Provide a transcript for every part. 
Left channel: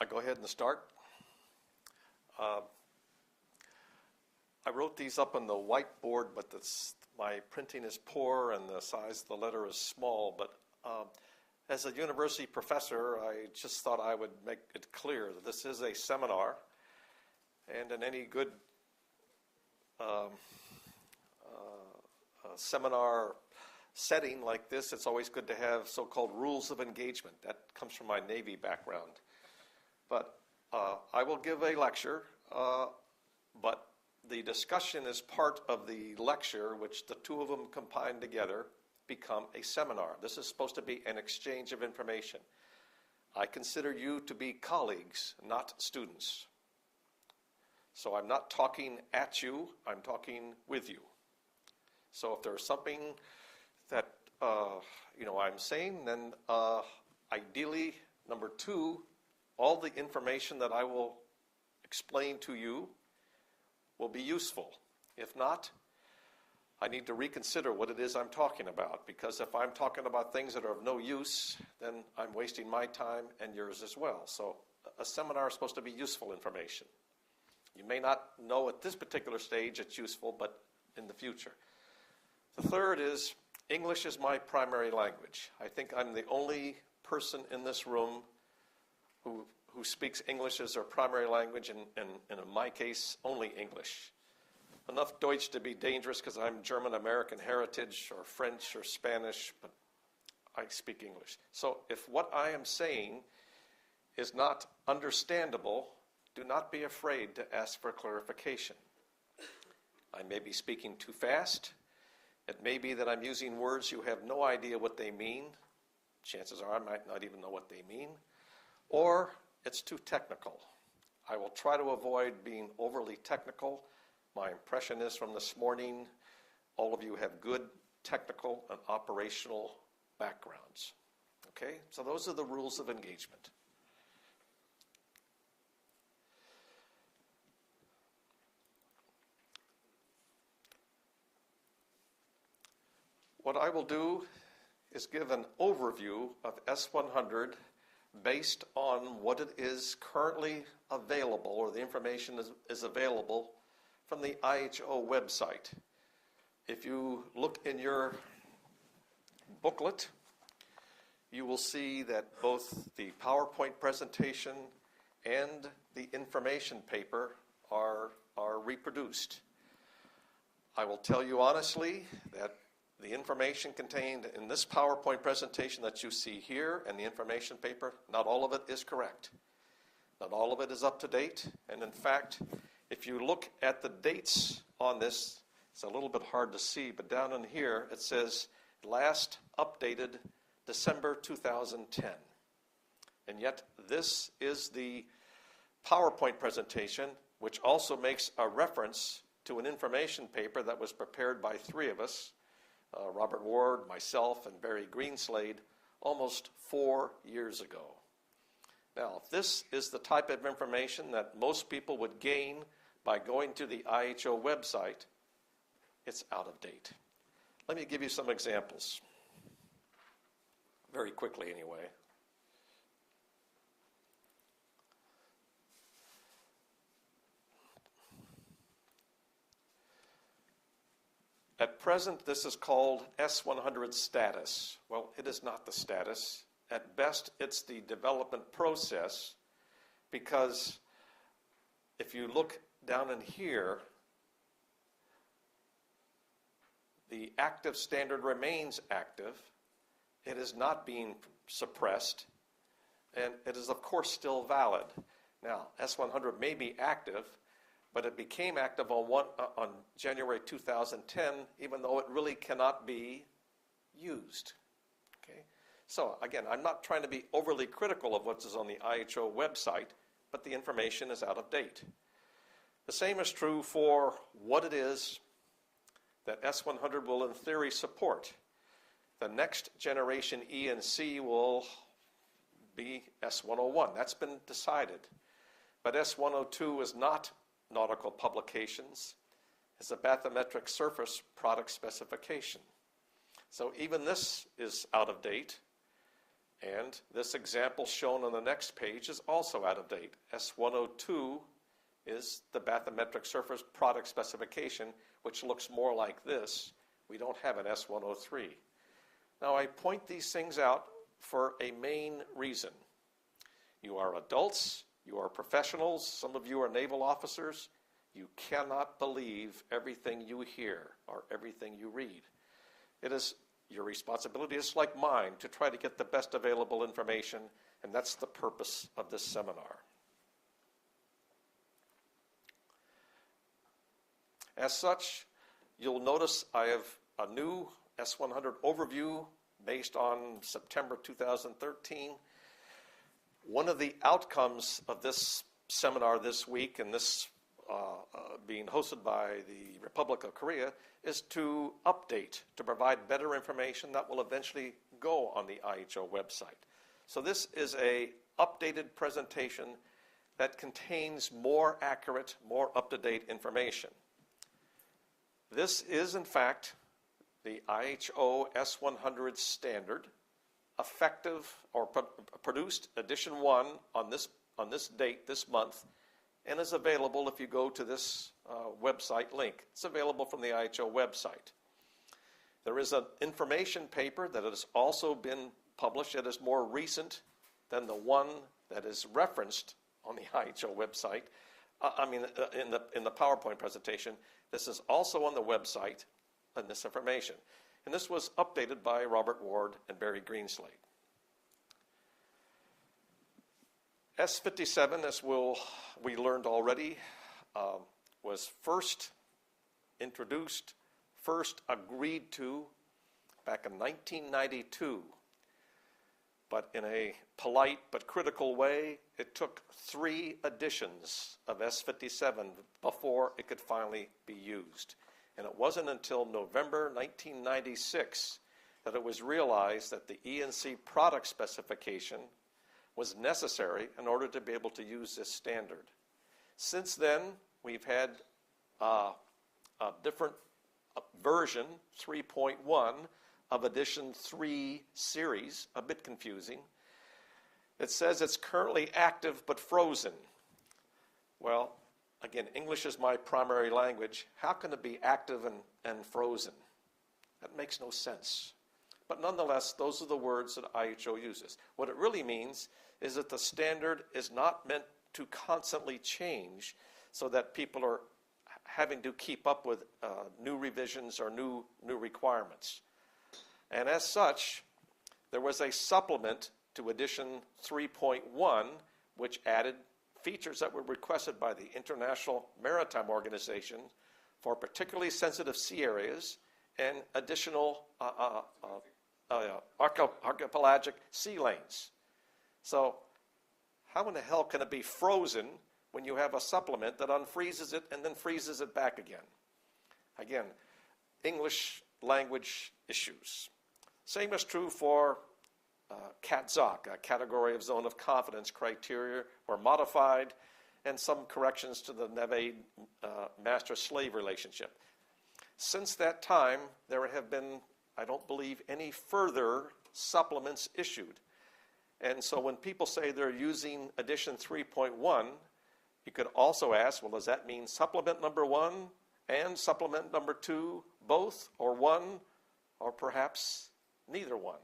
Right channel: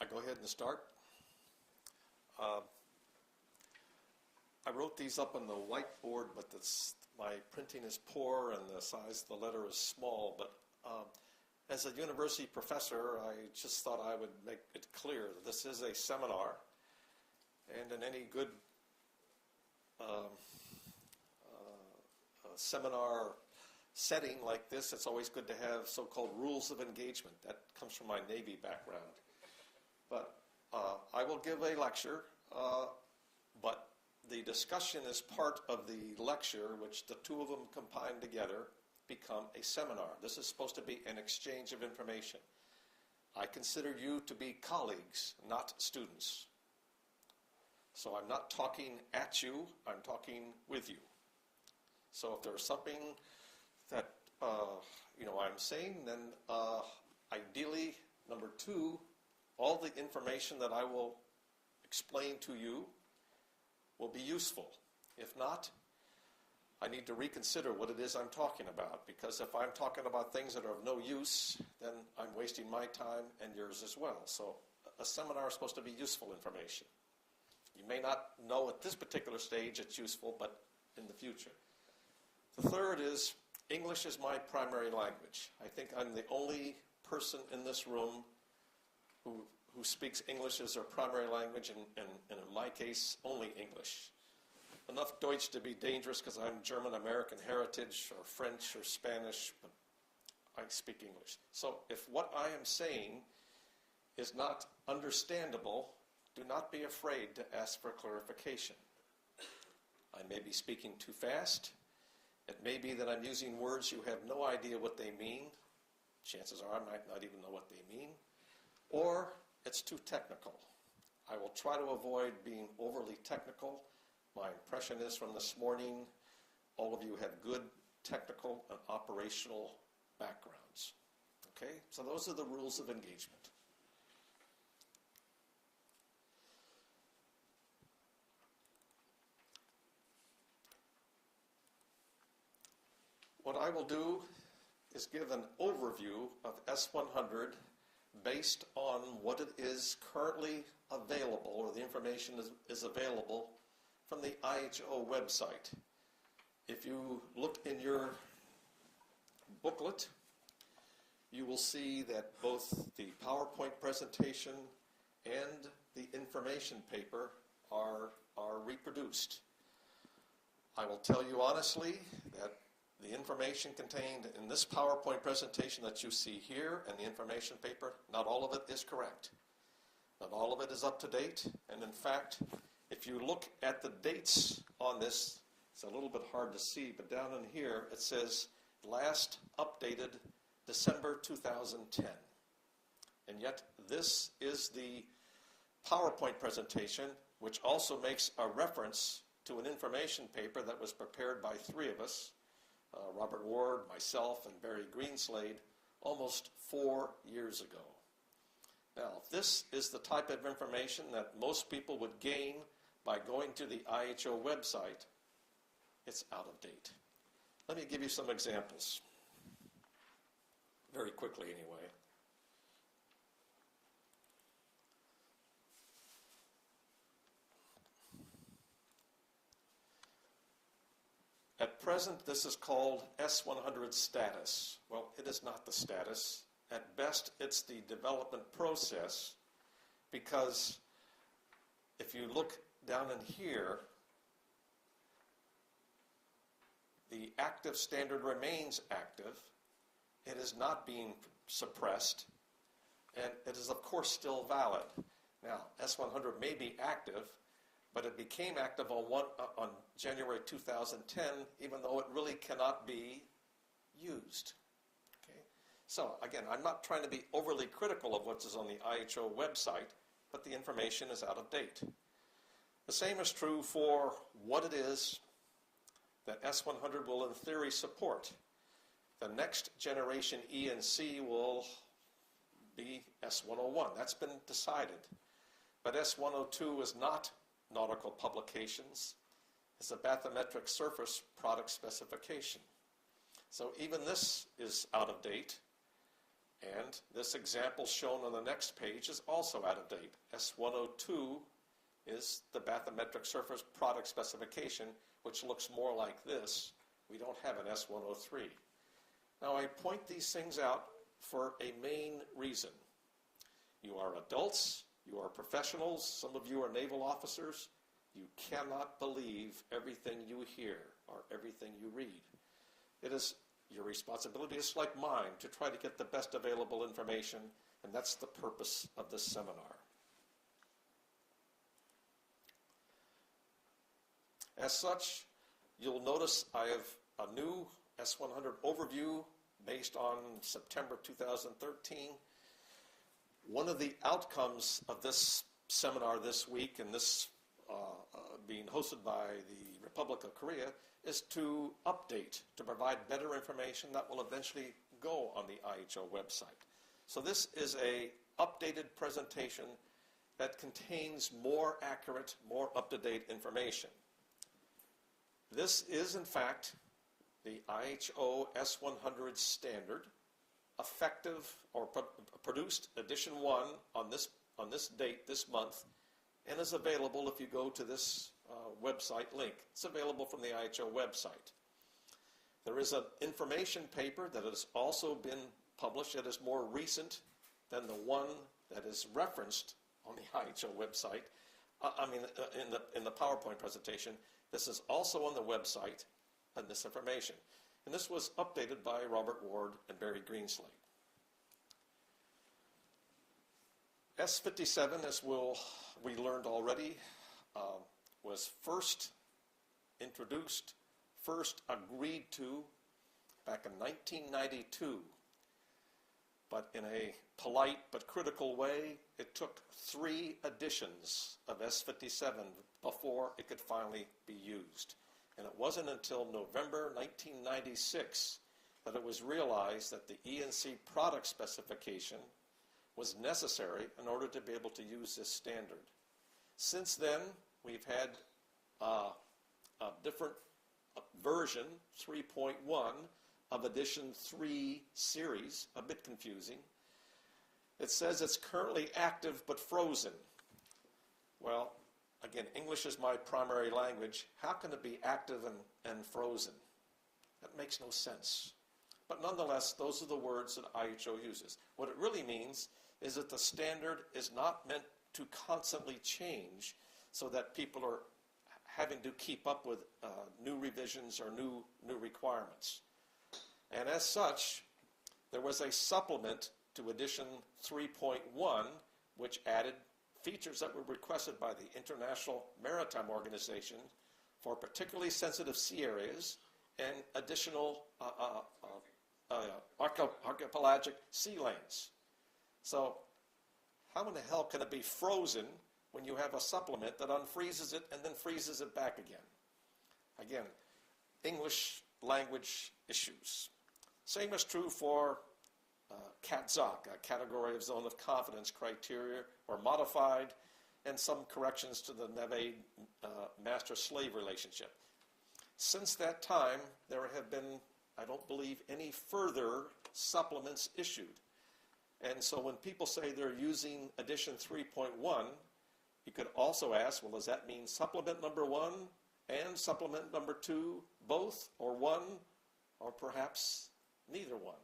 I go ahead and start. I wrote these up on the whiteboard, but my printing is poor and the size of the letter is small. But as a university professor, I just thought I would make it clear that this is a seminar. And in any good seminar setting like this, it's always good to have so-called rules of engagement. That comes from my Navy background. But I will give a lecture, but the discussion is part of the lecture, which the two of them combined together become a seminar. This is supposed to be an exchange of information. I consider you to be colleagues, not students. So I'm not talking at you, I'm talking with you. So if there's something that I'm saying, then ideally, number two, all the information that I will explain to you will be useful. If not, I need to reconsider what it is I'm talking about, because if I'm talking about things that are of no use, then I'm wasting my time and yours as well. So a seminar is supposed to be useful information. You may not know at this particular stage it's useful, but in the future. The third is English is my primary language. I think I'm the only person in this room who speaks English as their primary language, and in my case, only English. Enough Deutsch to be dangerous because I'm German-American heritage, or French or Spanish, but I speak English. So if what I am saying is not understandable, do not be afraid to ask for clarification. I may be speaking too fast. It may be that I'm using words you have no idea what they mean. Chances are I might not even know what they mean. Or it's too technical. I will try to avoid being overly technical. My impression is from this morning, all of you have good technical and operational backgrounds. Okay? So those are the rules of engagement. What I will do is give an overview of S100 based on what it is currently available, or the information is available from the IHO website. If you look in your booklet, you will see that both the PowerPoint presentation and the information paper are reproduced. I will tell you honestly that the information contained in this PowerPoint presentation that you see here and the information paper, not all of it is correct. Not all of it is up to date. And in fact, if you look at the dates on this, it's a little bit hard to see, but down in here it says last updated December 2010. And yet this is the PowerPoint presentation, which also makes a reference to an information paper that was prepared by three of us, Robert Ward, myself, and Barry Greenslade, almost 4 years ago. Now, if this is the type of information that most people would gain by going to the IHO website, it's out of date. Let me give you some examples. Very quickly, anyway. At present, this is called S100 status. Well, it is not the status. At best, it's the development process, because if you look down in here, the active standard remains active. It is not being suppressed, and it is, of course, still valid. Now, S100 may be active, but it became active on January 2010, even though it really cannot be used. Okay? So again, I'm not trying to be overly critical of what is on the IHO website, but the information is out of date. The same is true for what it is that S100 will in theory support. The next generation E&C will be S101. That's been decided. But S102 is not nautical publications. It's a bathymetric surface product specification. So even this is out of date. And this example shown on the next page is also out of date. S102 is the bathymetric surface product specification, which looks more like this. We don't have an S103. Now, I point these things out for a main reason. You are adults, you are professionals, some of you are naval officers. You cannot believe everything you hear or everything you read. It is your responsibility, just like mine, to try to get the best available information, and that's the purpose of this seminar. As such, you'll notice I have a new S100 overview based on September 2013. One of the outcomes of this seminar this week, and this being hosted by the Republic of Korea, is to update, to provide better information that will eventually go on the IHO website. So this is a updated presentation that contains more accurate, more up-to-date information. This is, in fact, the IHO S100 standard, effective or produced edition 1 on this date, this month, and is available if you go to this website link. It's available from the IHO website. There is an information paper that has also been published that is more recent than the one that is referenced on the IHO website. In the PowerPoint presentation. This is also on the website and this information. And this was updated by Robert Ward and Barry Greenslade. S57, as we learned already, was first introduced, first agreed to back in 1992. But in a polite but critical way, it took 3 editions of S57 before it could finally be used. And it wasn't until November 1996 that it was realized that the E&C product specification was necessary in order to be able to use this standard. Since then, we've had a different version, 3.1, of edition 3 series, a bit confusing. It says it's currently active but frozen. Well, again, English is my primary language. How can it be active and frozen? That makes no sense. But nonetheless, those are the words that IHO uses. What it really means is that the standard is not meant to constantly change so that people are having to keep up with new revisions or new requirements. And as such, there was a supplement to edition 3.1, which added features that were requested by the International Maritime Organization for particularly sensitive sea areas and additional archipelagic sea lanes. So how in the hell can it be frozen when you have a supplement that unfreezes it and then freezes it back again? Again, English language issues. Same is true for CATZOC, a category of zone of confidence criteria, were modified, and some corrections to the Navy master-slave relationship. Since that time, there have been, I don't believe, any further supplements issued. And so when people say they're using edition 3.1, you could also ask, well, does that mean supplement number 1 and supplement number 2, both, or 1, or perhaps neither one?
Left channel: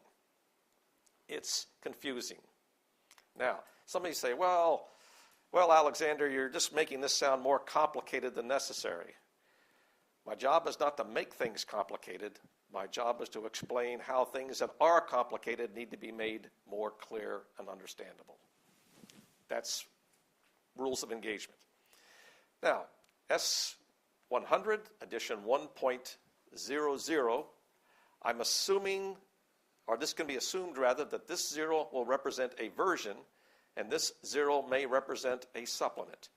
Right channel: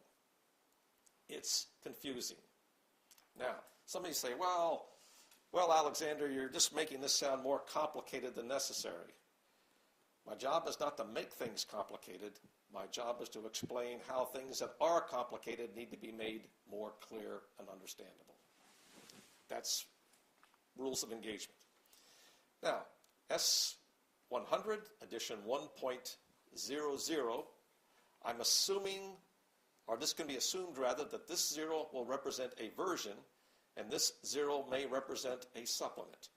It's confusing. Now, somebody say, well, Alexander, you're just making this sound more complicated than necessary. My job is not to make things complicated. My job is to explain how things that are complicated need to be made more clear and understandable. That's rules of engagement. Now, S100, edition 1.00, I'm assuming, or this can be assumed rather, that this 0 will represent a version, and this 0 may represent a supplement.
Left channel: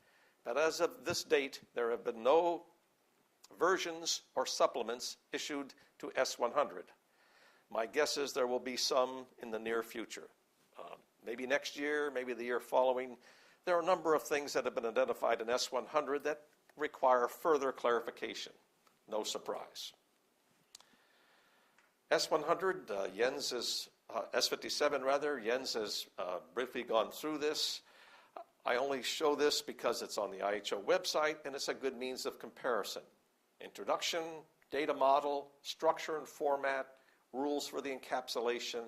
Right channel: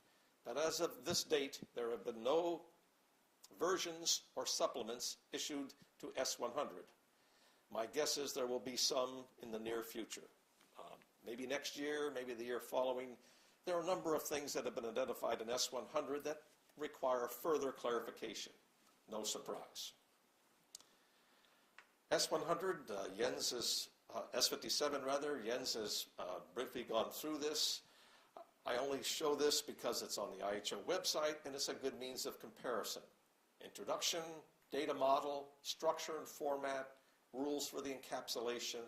But as of this date, there have been no versions or supplements issued to S100. My guess is there will be some in the near future. Maybe next year, maybe the year following. There are a number of things that have been identified in S100 that require further clarification. No surprise. S100, Jens has S57 rather. Jens has briefly gone through this. I only show this because it's on the IHO website and it's a good means of comparison. Introduction, data model, structure and format, rules for the encapsulation.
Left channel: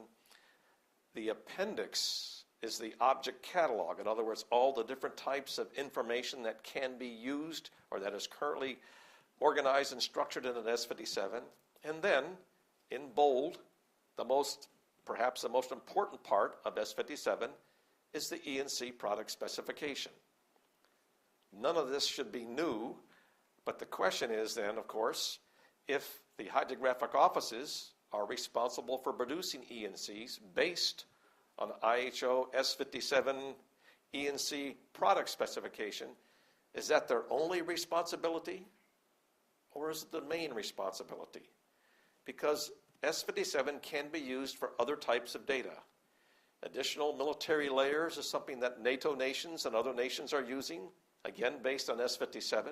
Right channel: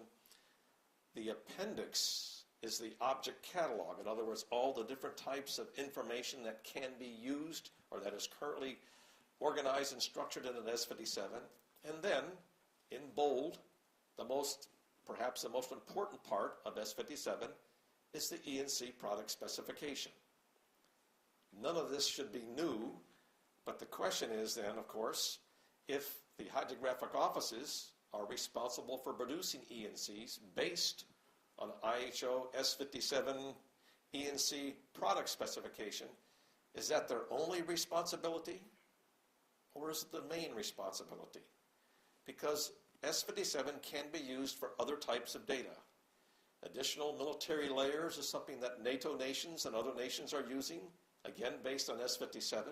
The appendix is the object catalog. In other words, all the different types of information that can be used or that is currently organized and structured in an S57. And then, in bold, perhaps the most important part of S57 is the E&C product specification. None of this should be new, but the question is then, of course, if the hydrographic offices are responsible for producing E&Cs based on IHO S57 E&C product specification, is that their only responsibility or is it the main responsibility? Because S57 can be used for other types of data. Additional military layers is something that NATO nations and other nations are using, again based on S57.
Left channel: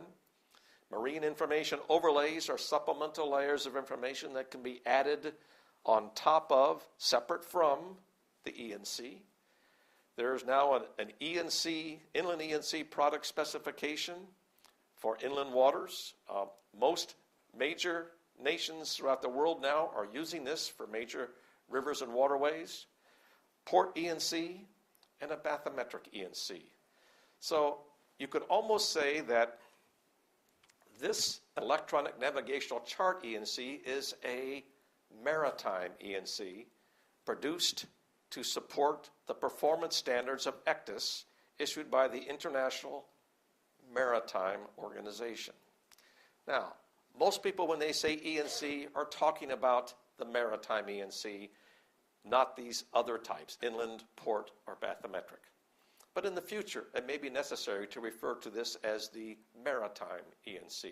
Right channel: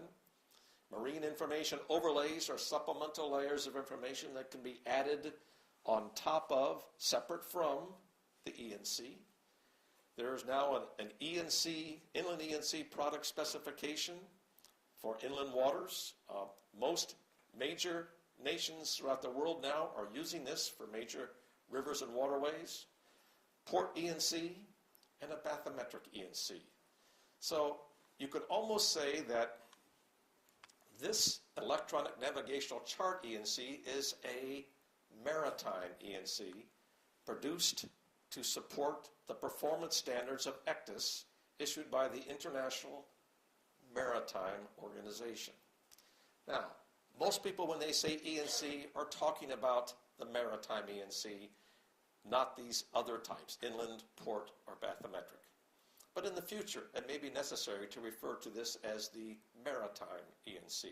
Marine information overlays are supplemental layers of information that can be added on top of, separate from, the E&C. There is now an E&C, inland E&C product specification for inland waters. Most major nations throughout the world now are using this for major rivers and waterways. Port E&C and a bathymetric E&C. So you could almost say that this electronic navigational chart E&C is a maritime E&C produced to support the performance standards of ECDIS issued by the International Maritime Organization. Now, most people when they say E&C are talking about the maritime E&C, not these other types, inland, port, or bathymetric. But in the future, it may be necessary to refer to this as the maritime E&C.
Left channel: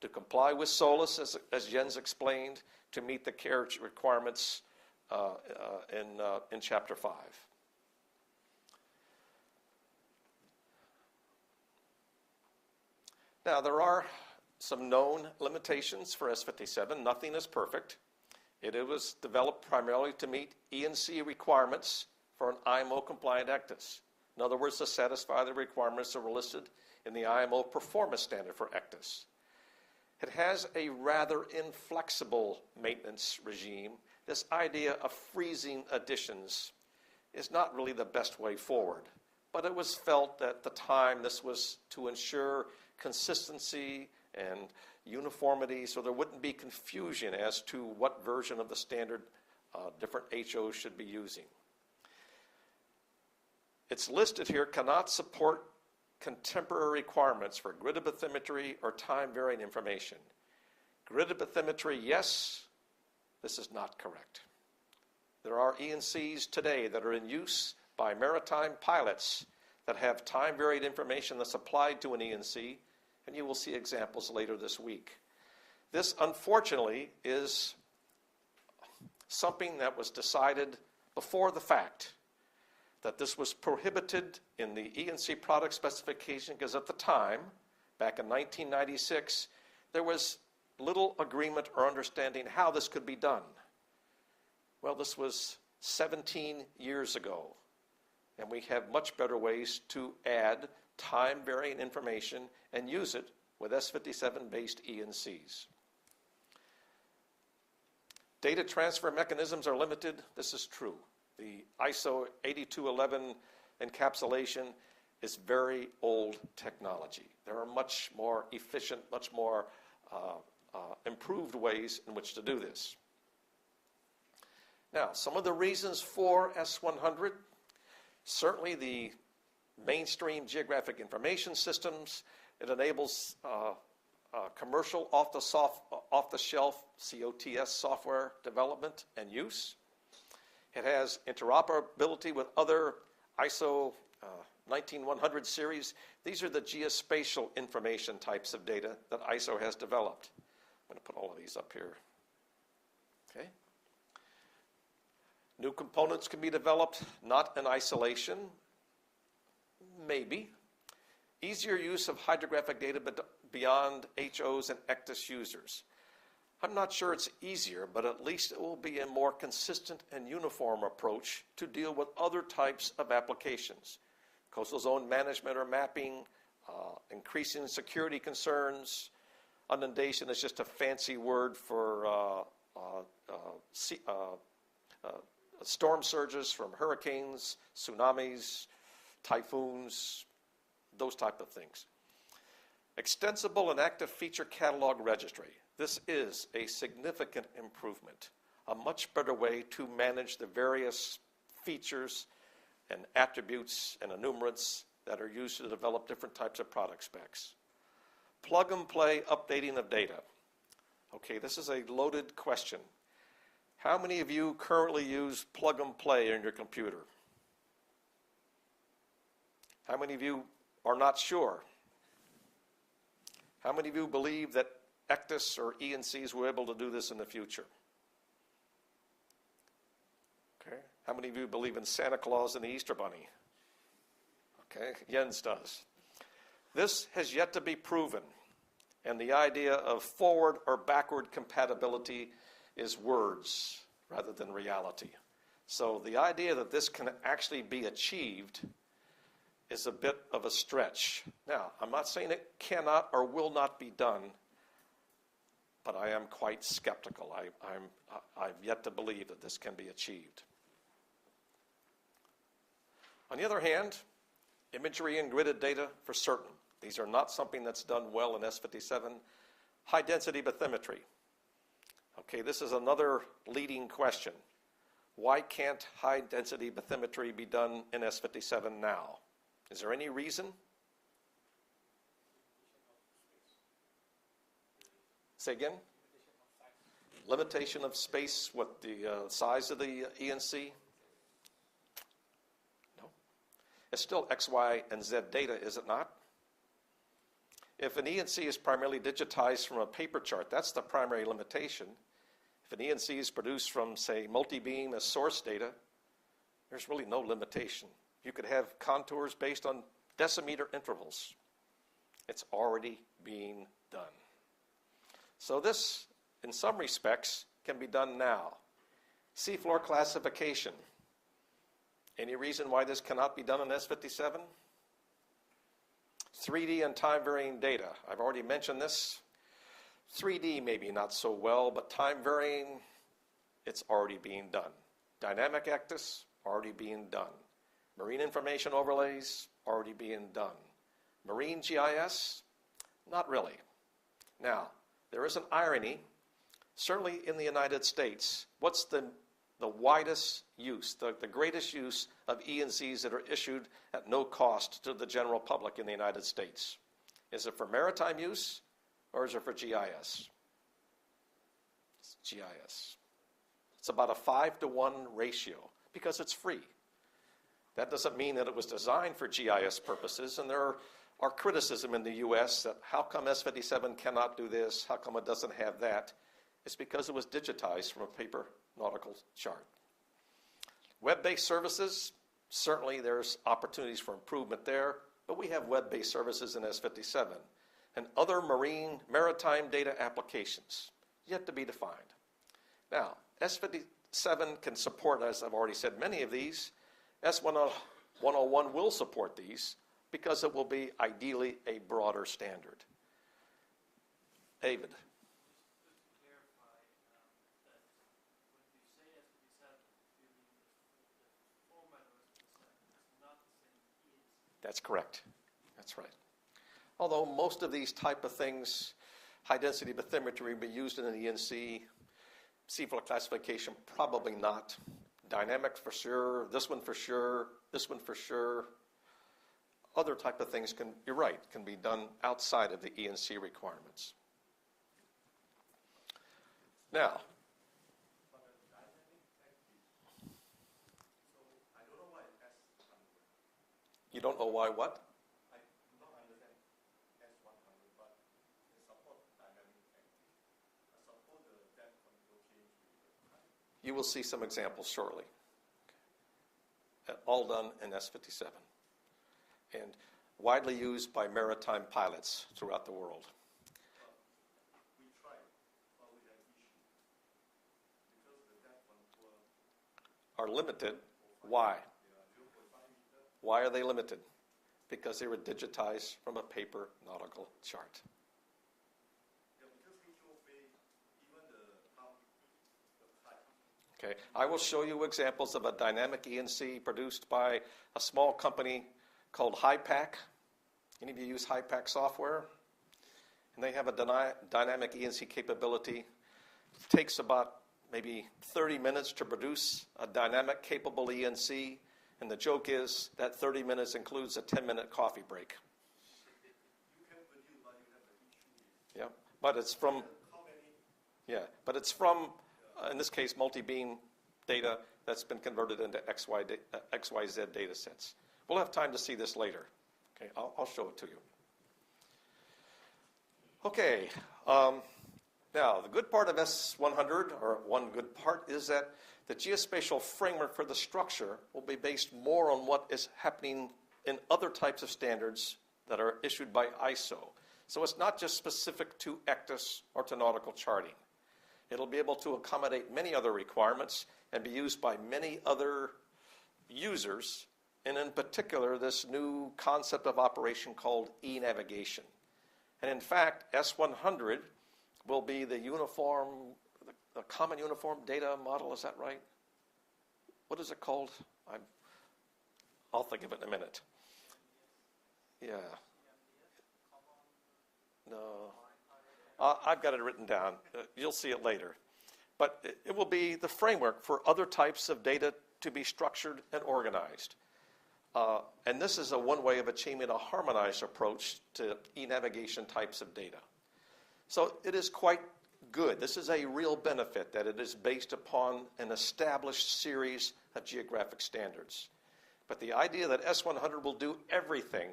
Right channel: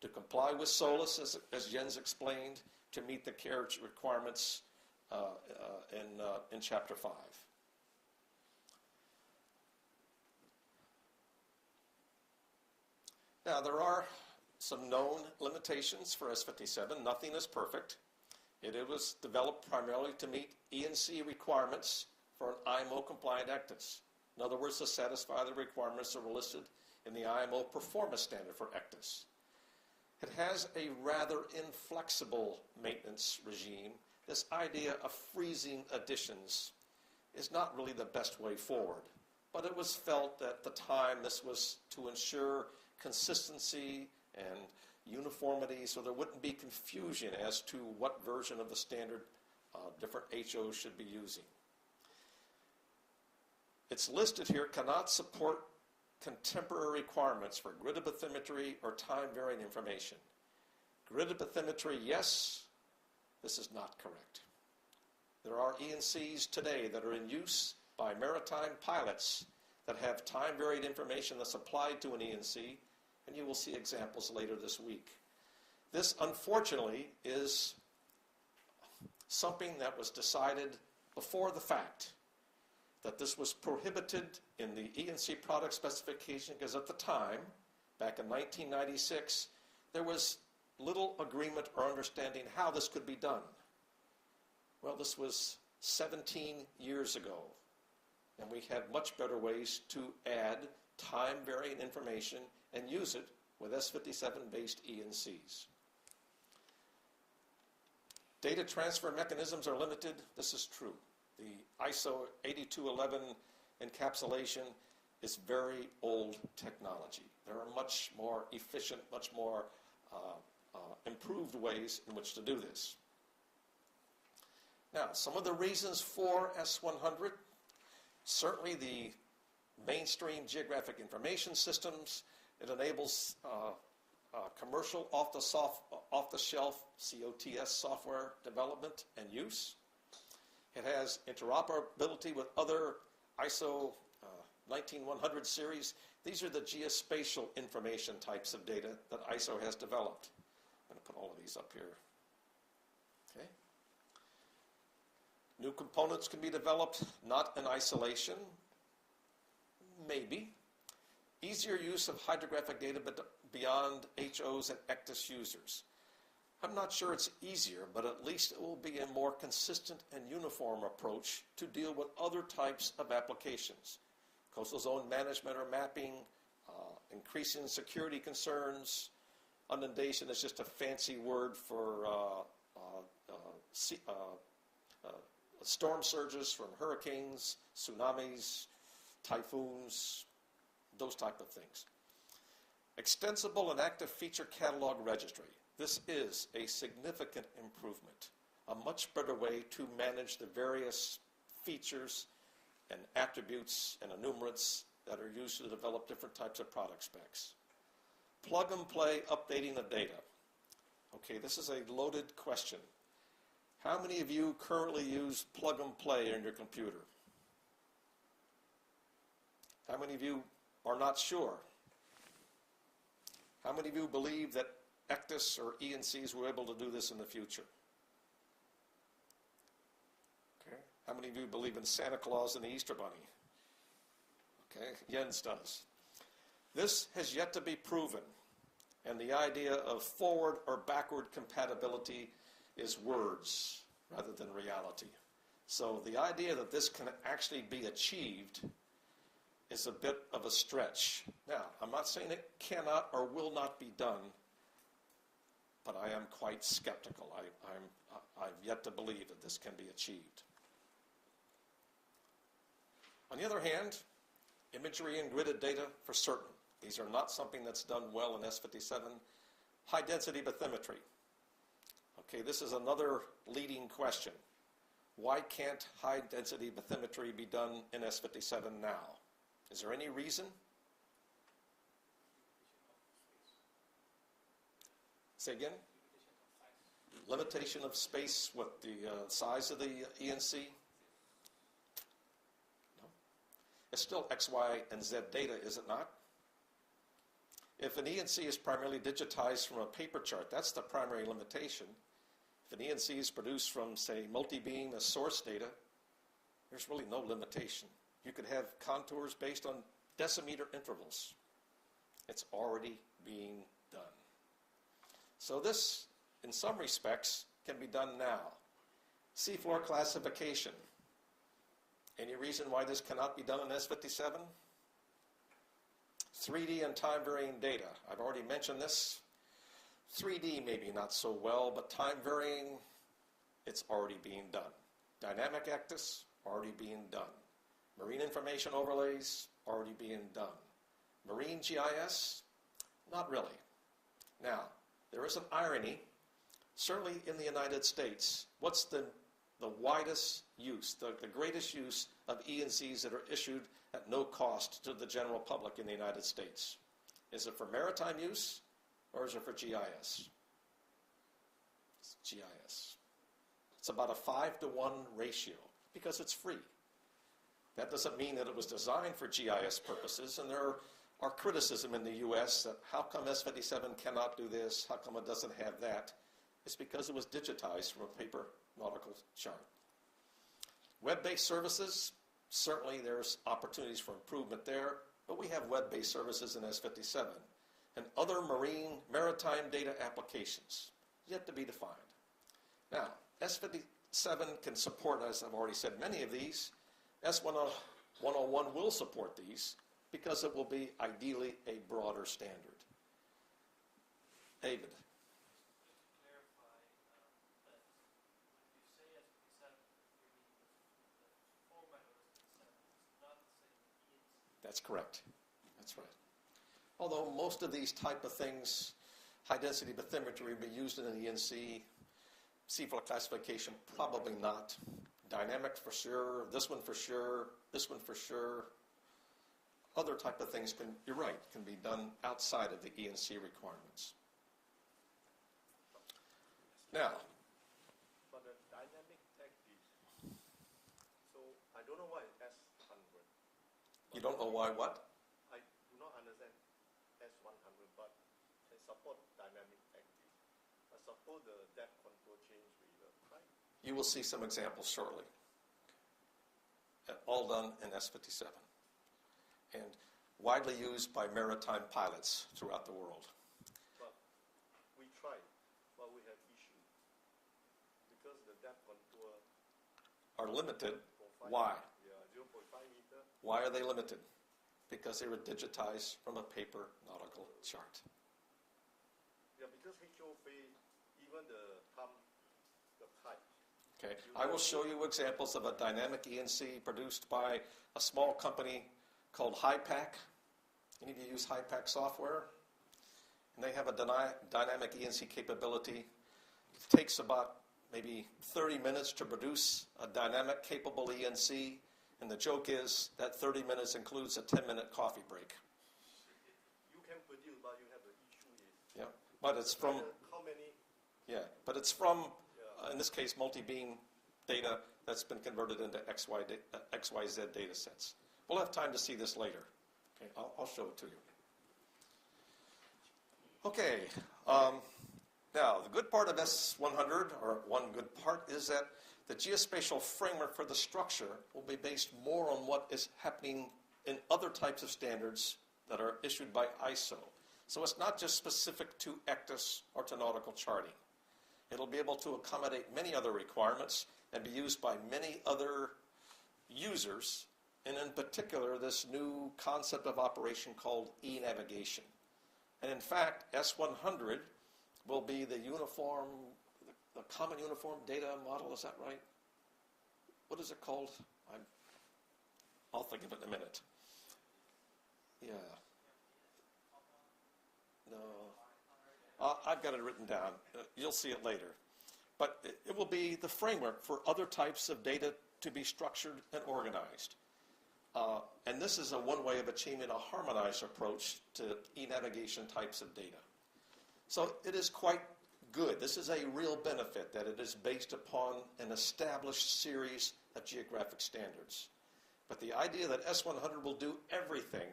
To comply with SOLAS, as Jens explained, to meet the carriage requirements in Chapter 5. Now, there are some known limitations for S57. Nothing is perfect. It was developed primarily to meet E&C requirements for an IMO-compliant ECDIS. In other words, to satisfy the requirements that were listed in the IMO performance standard for ECDIS. It has a rather inflexible maintenance regime. This idea of freezing additions is not really the best way forward. But it was felt at the time this was to ensure consistency and uniformity so there wouldn't be confusion as to what version of the standard different HOs should be using. It's listed here, cannot support contemporary requirements for gridded bathymetry or time-varying information. Gridded bathymetry, yes, this is not correct. There are E&Cs today that are in use by maritime pilots that have time-varied information that's applied to an E&C, and you will see examples later this week. This, unfortunately, is something that was decided before the fact, that this was prohibited in the E&C product specification because at the time, back in 1996, there was little agreement or understanding how this could be done. Well, this was 17 years ago, and we have much better ways to add time-varying information and use it with S57-based E&Cs. Data transfer mechanisms are limited. This is true. The ISO 8211 encapsulation is very old technology. There are much more efficient, much more improved ways in which to do this. Now, some of the reasons for S100, certainly the mainstream geographic information systems. It enables commercial off-the-shelf COTS software development and use. It has interoperability with other ISO 19100 series. These are the geospatial information types of data that ISO has developed. I'm going to put all of these up here. Okay. New components can be developed, not in isolation. Maybe. Easier use of hydrographic data beyond HOs and ECDIS users. I'm not sure it's easier, but at least it will be a more consistent and uniform approach to deal with other types of applications. Coastal zone management or mapping, increasing security concerns. Inundation is just a fancy word for storm surges from hurricanes, tsunamis, typhoons, those type of things. Extensible and active feature catalog registry. This is a significant improvement, a much better way to manage the various features and attributes and enumerants that are used to develop different types of product specs. Plug and play updating of data. Okay, this is a loaded question. How many of you currently use plug and play in your computer? How many of you are not sure? How many of you believe that ECDIS or ENCs will be able to do this in the future? Okay. How many of you believe in Santa Claus and the Easter Bunny? Okay, Jens does. This has yet to be proven, and the idea of forward or backward compatibility is words rather than reality. So the idea that this can actually be achieved is a bit of a stretch. Now, I'm not saying it cannot or will not be done, but I am quite skeptical. I've yet to believe that this can be achieved. On the other hand, imagery and gridded data for certain. These are not something that's done well in S57. High density bathymetry. Okay, this is another leading question. Why can't high density bathymetry be done in S57 now? Is there any reason? Say again? Limitation of space, what, the size of the ENC? No. It's still X, Y, and Z data, is it not? If an ENC is primarily digitized from a paper chart, that's the primary limitation. If an ENC is produced from, say, multi-beam as source data, there's really no limitation. You could have contours based on decimeter intervals. It's already being done. So this, in some respects, can be done now. Seafloor classification. Any reason why this cannot be done in S57? 3D and time-varying data. I've already mentioned this. 3D maybe not so well, but time-varying, it's already being done. Dynamic ECDIS, already being done. Marine information overlays, already being done. Marine GIS, not really. Now, there is an irony, certainly in the United States. What's the widest use, the greatest use of ENCs that are issued at no cost to the general public in the United States? Is it for maritime use or is it for GIS? It's GIS. It's about a 5-to-1 ratio because it's free. That doesn't mean that it was designed for GIS purposes, and there are criticism in the U.S. that how come S57 cannot do this, how come it doesn't have that? It's because it was digitized from a paper nautical chart. Web-based services, certainly there's opportunities for improvement there, but we have web-based services in S57. And other maritime data applications, yet to be defined. Now, S57 can support, as I've already said, many of these. S101 will support these because it will be ideally a broader standard. David. That's correct. That's right. Although most of these type of things, high density bathymetry will be used in an ENC, seafloor classification, probably not. Dynamic for sure, this one for sure, this one for sure. Other type of things you're right, can be done outside of the ENC requirements. Now, but the dynamic ECDIS, so I don't know why S100. You don't know why what? I do not understand S100, but can support dynamic ECDIS. I suppose the depth control change reader, right? You will see some examples shortly. Okay. All done in S57 and widely used by maritime pilots throughout the world. But we tried, but we had are limited. Why? Yeah, 0.5 meter. Why are they limited? Because they were digitized from a paper nautical chart. Yeah, because HOFA, even the pump, the type. Okay, I will show you examples of a dynamic ENC produced by a small company called HYPACK. Any of you use HYPACK software? And they have a dynamic ENC capability. It takes about maybe 30 minutes to produce a dynamic capable ENC. And the joke is that 30 minutes includes a 10-minute coffee break. You can produce, but you have an issue. Yeah, but it's from, How many? yeah, but it's from, in this case, multi-beam data that's been converted into XYZ data sets. We'll have time to see this later. Okay, I'll show it to you. Okay, now the good part of S100, or one good part, is that the geospatial framework for the structure will be based more on what is happening in other types of standards that are issued by ISO. So it's not just specific to ECDIS or to nautical charting. It'll be able to accommodate many other requirements and be used by many other users, and in particular, this new concept of operation called e-navigation. And in fact, S100 will be the uniform, the common uniform data model, is that right? What is it called? I'll think of it in a minute. Yeah. No. I've got it written down. You'll see it later. But it will be the framework for other types of data to be structured and organized. And this is one way of achieving a harmonized approach to e-navigation types of data. So it is quite good. This is a real benefit that it is based upon an established series of geographic standards. But the idea that S100 will do everything,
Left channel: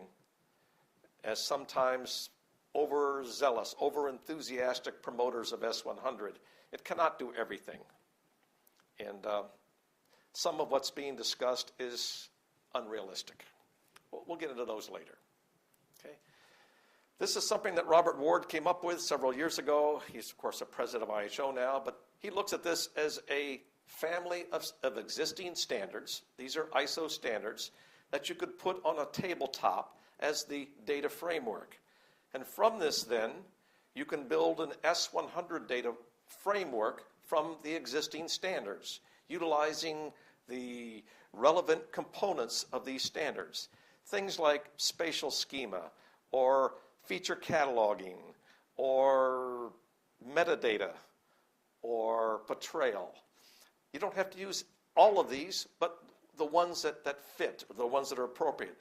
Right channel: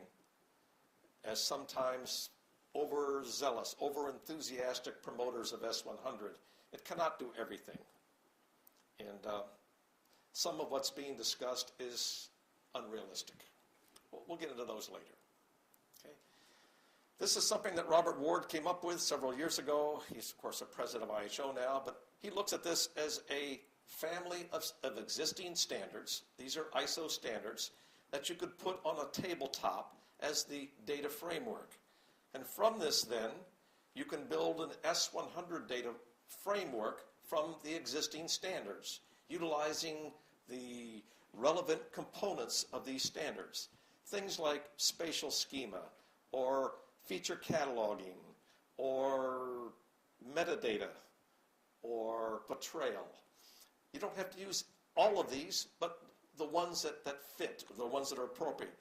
as sometimes overzealous, over-enthusiastic promoters of S100, it cannot do everything. And some of what's being discussed is unrealistic. We'll get into those later. Okay. This is something that Robert Ward came up with several years ago. He's, of course, a president of IHO now, but he looks at this as a family of existing standards. These are ISO standards that you could put on a tabletop as the data framework. And from this, then, you can build an S100 data framework from the existing standards, utilizing the relevant components of these standards. Things like spatial schema, or feature cataloging, or metadata, or portrayal. You don't have to use all of these, but the ones that fit, the ones that are appropriate.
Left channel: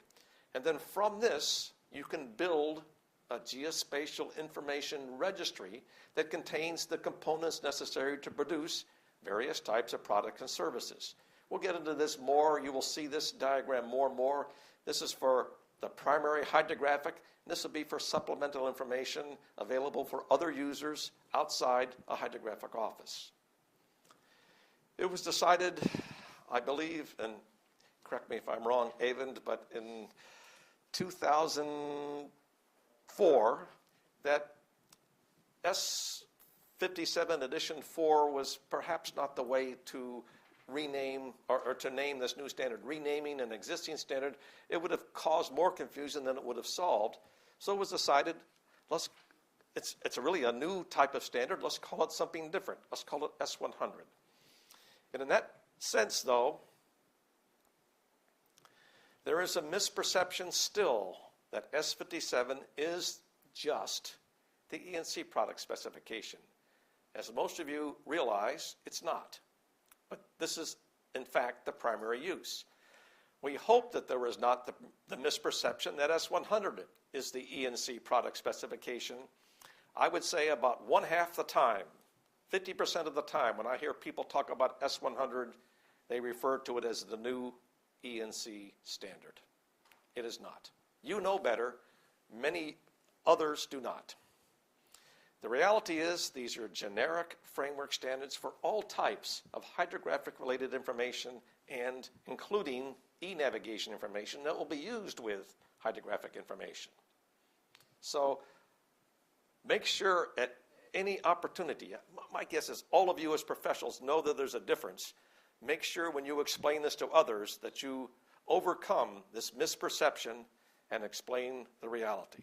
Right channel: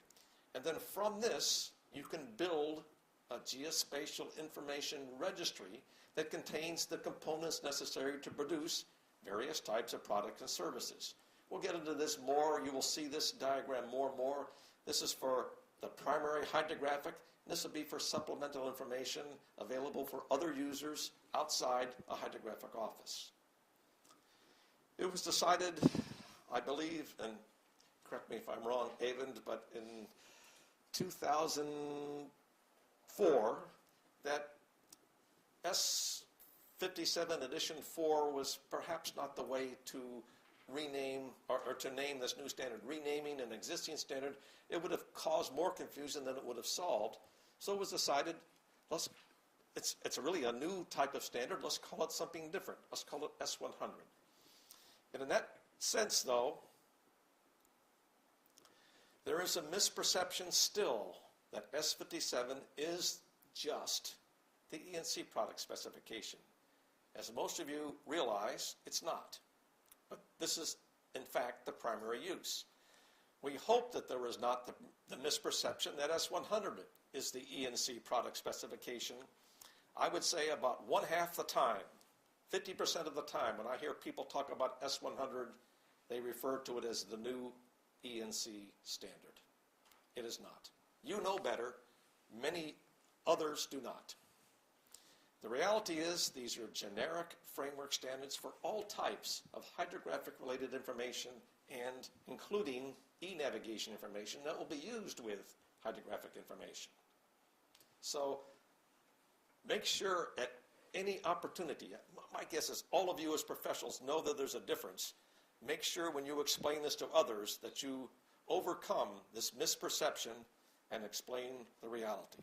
And then from this, you can build a geospatial information registry that contains the components necessary to produce various types of products and services. We'll get into this more. You will see this diagram more and more. This is for the primary hydrographic. This will be for supplemental information available for other users outside a hydrographic office. It was decided, I believe, and correct me if I'm wrong, Avend, but in 2004, that S57 Edition 4 was perhaps not the way to rename or to name this new standard. Renaming an existing standard, it would have caused more confusion than it would have solved. So it was decided, it's really a new type of standard. Let's call it something different. Let's call it S100. And in that sense, though, there is a misperception still that S57 is just the ENC product specification. As most of you realize, it's not. But this is, in fact, the primary use. We hope that there is not the misperception that S100 is the ENC product specification. I would say about one half the time, 50% of the time, when I hear people talk about S100, they refer to it as the new ENC standard. It is not. You know better. Many others do not. The reality is these are generic framework standards for all types of hydrographic-related information and including e-navigation information that will be used with hydrographic information. So make sure at any opportunity, my guess is all of you as professionals know that there's a difference make sure when you explain this to others that you overcome this misperception and explain the reality.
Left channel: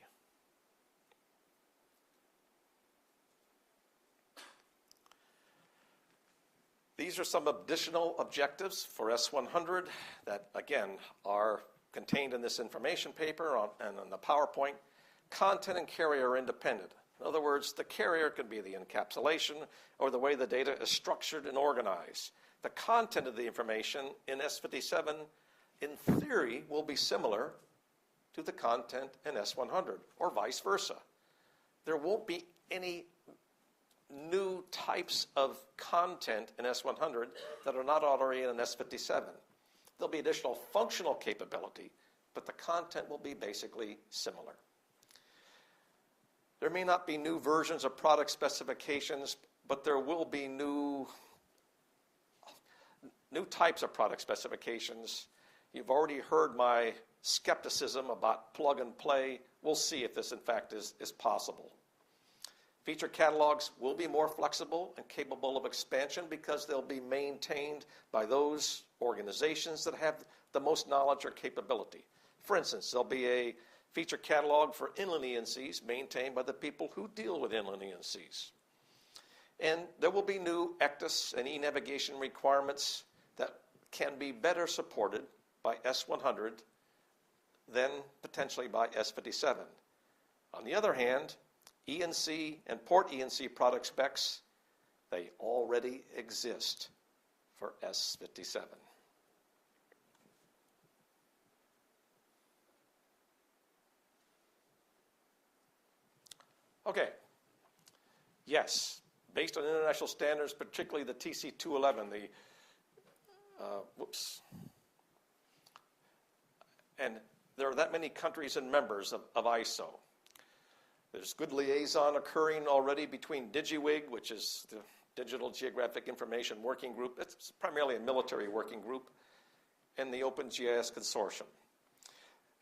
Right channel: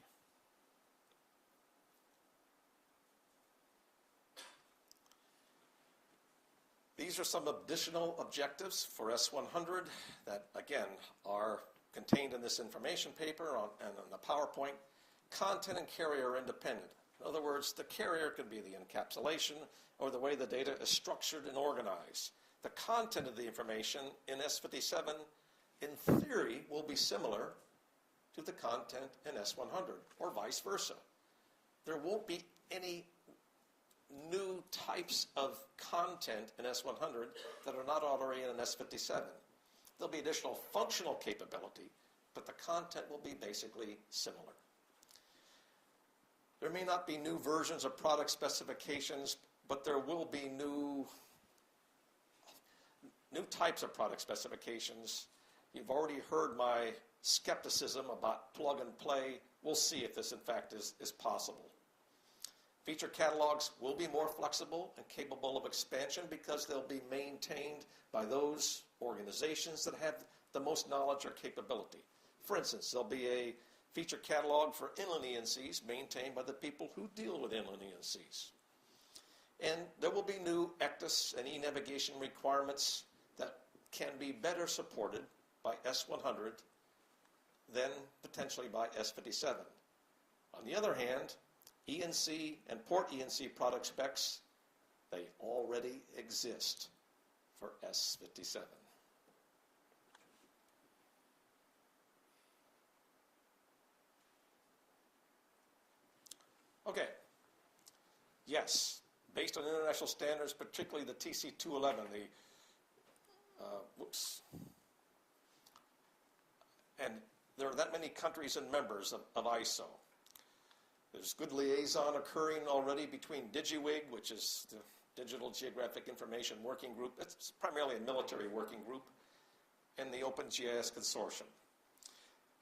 These are some additional objectives for S100 that, again, are contained in this information paper and on the PowerPoint. Content and carrier are independent. In other words, the carrier can be the encapsulation or the way the data is structured and organized. The content of the information in S57, in theory, will be similar to the content in S100, or vice versa. There won't be any new types of content in S100 that are not already in S57. There'll be additional functional capability, but the content will be basically similar. There may not be new versions of product specifications, but there will be new types of product specifications. You've already heard my skepticism about plug and play. We'll see if this in fact is possible. Feature catalogs will be more flexible and capable of expansion because they'll be maintained by those organizations that have the most knowledge or capability. For instance, there'll be a feature catalog for inland E&Cs maintained by the people who deal with inland E&Cs. And there will be new ECDIS and e-navigation requirements that can be better supported by S100 than potentially by S57. On the other hand, E&C and port E&C product specs, they already exist for S57. Okay. Yes, based on international standards, particularly the TC211, and there are that many countries and members of ISO. There's good liaison occurring already between DigiWig, which is the Digital Geographic Information Working Group. It's primarily a military working group, and the OpenGIS Consortium.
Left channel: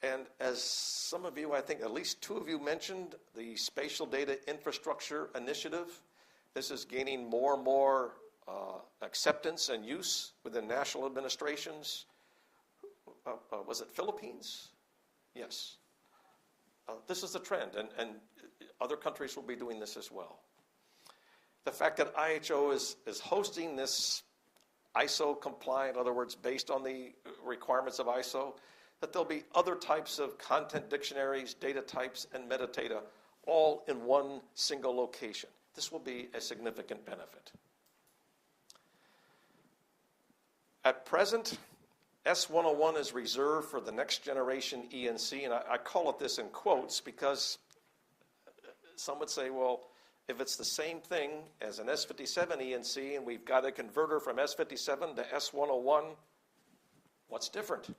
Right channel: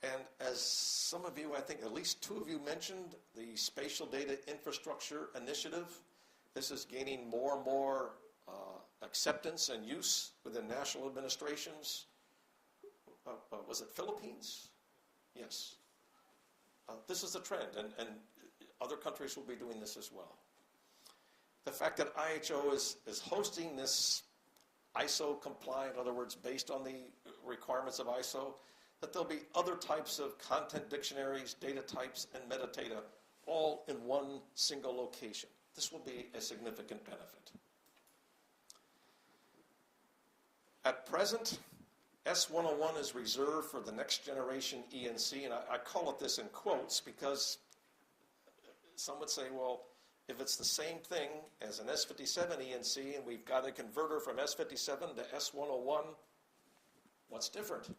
And as some of you, I think at least two of you mentioned, the Spatial Data Infrastructure Initiative. This is gaining more and more acceptance and use within national administrations. Was it Philippines? Yes. This is the trend, and other countries will be doing this as well. The fact that IHO is hosting this ISO compliant, in other words, based on the requirements of ISO, that there'll be other types of content dictionaries, data types, and metadata all in one single location. This will be a significant benefit. At present, S101 is reserved for the next generation E&C, and I call it this in quotes because some would say, well, if it's the same thing as an S57 E&C and we've got a converter from S57 to S101, what's different?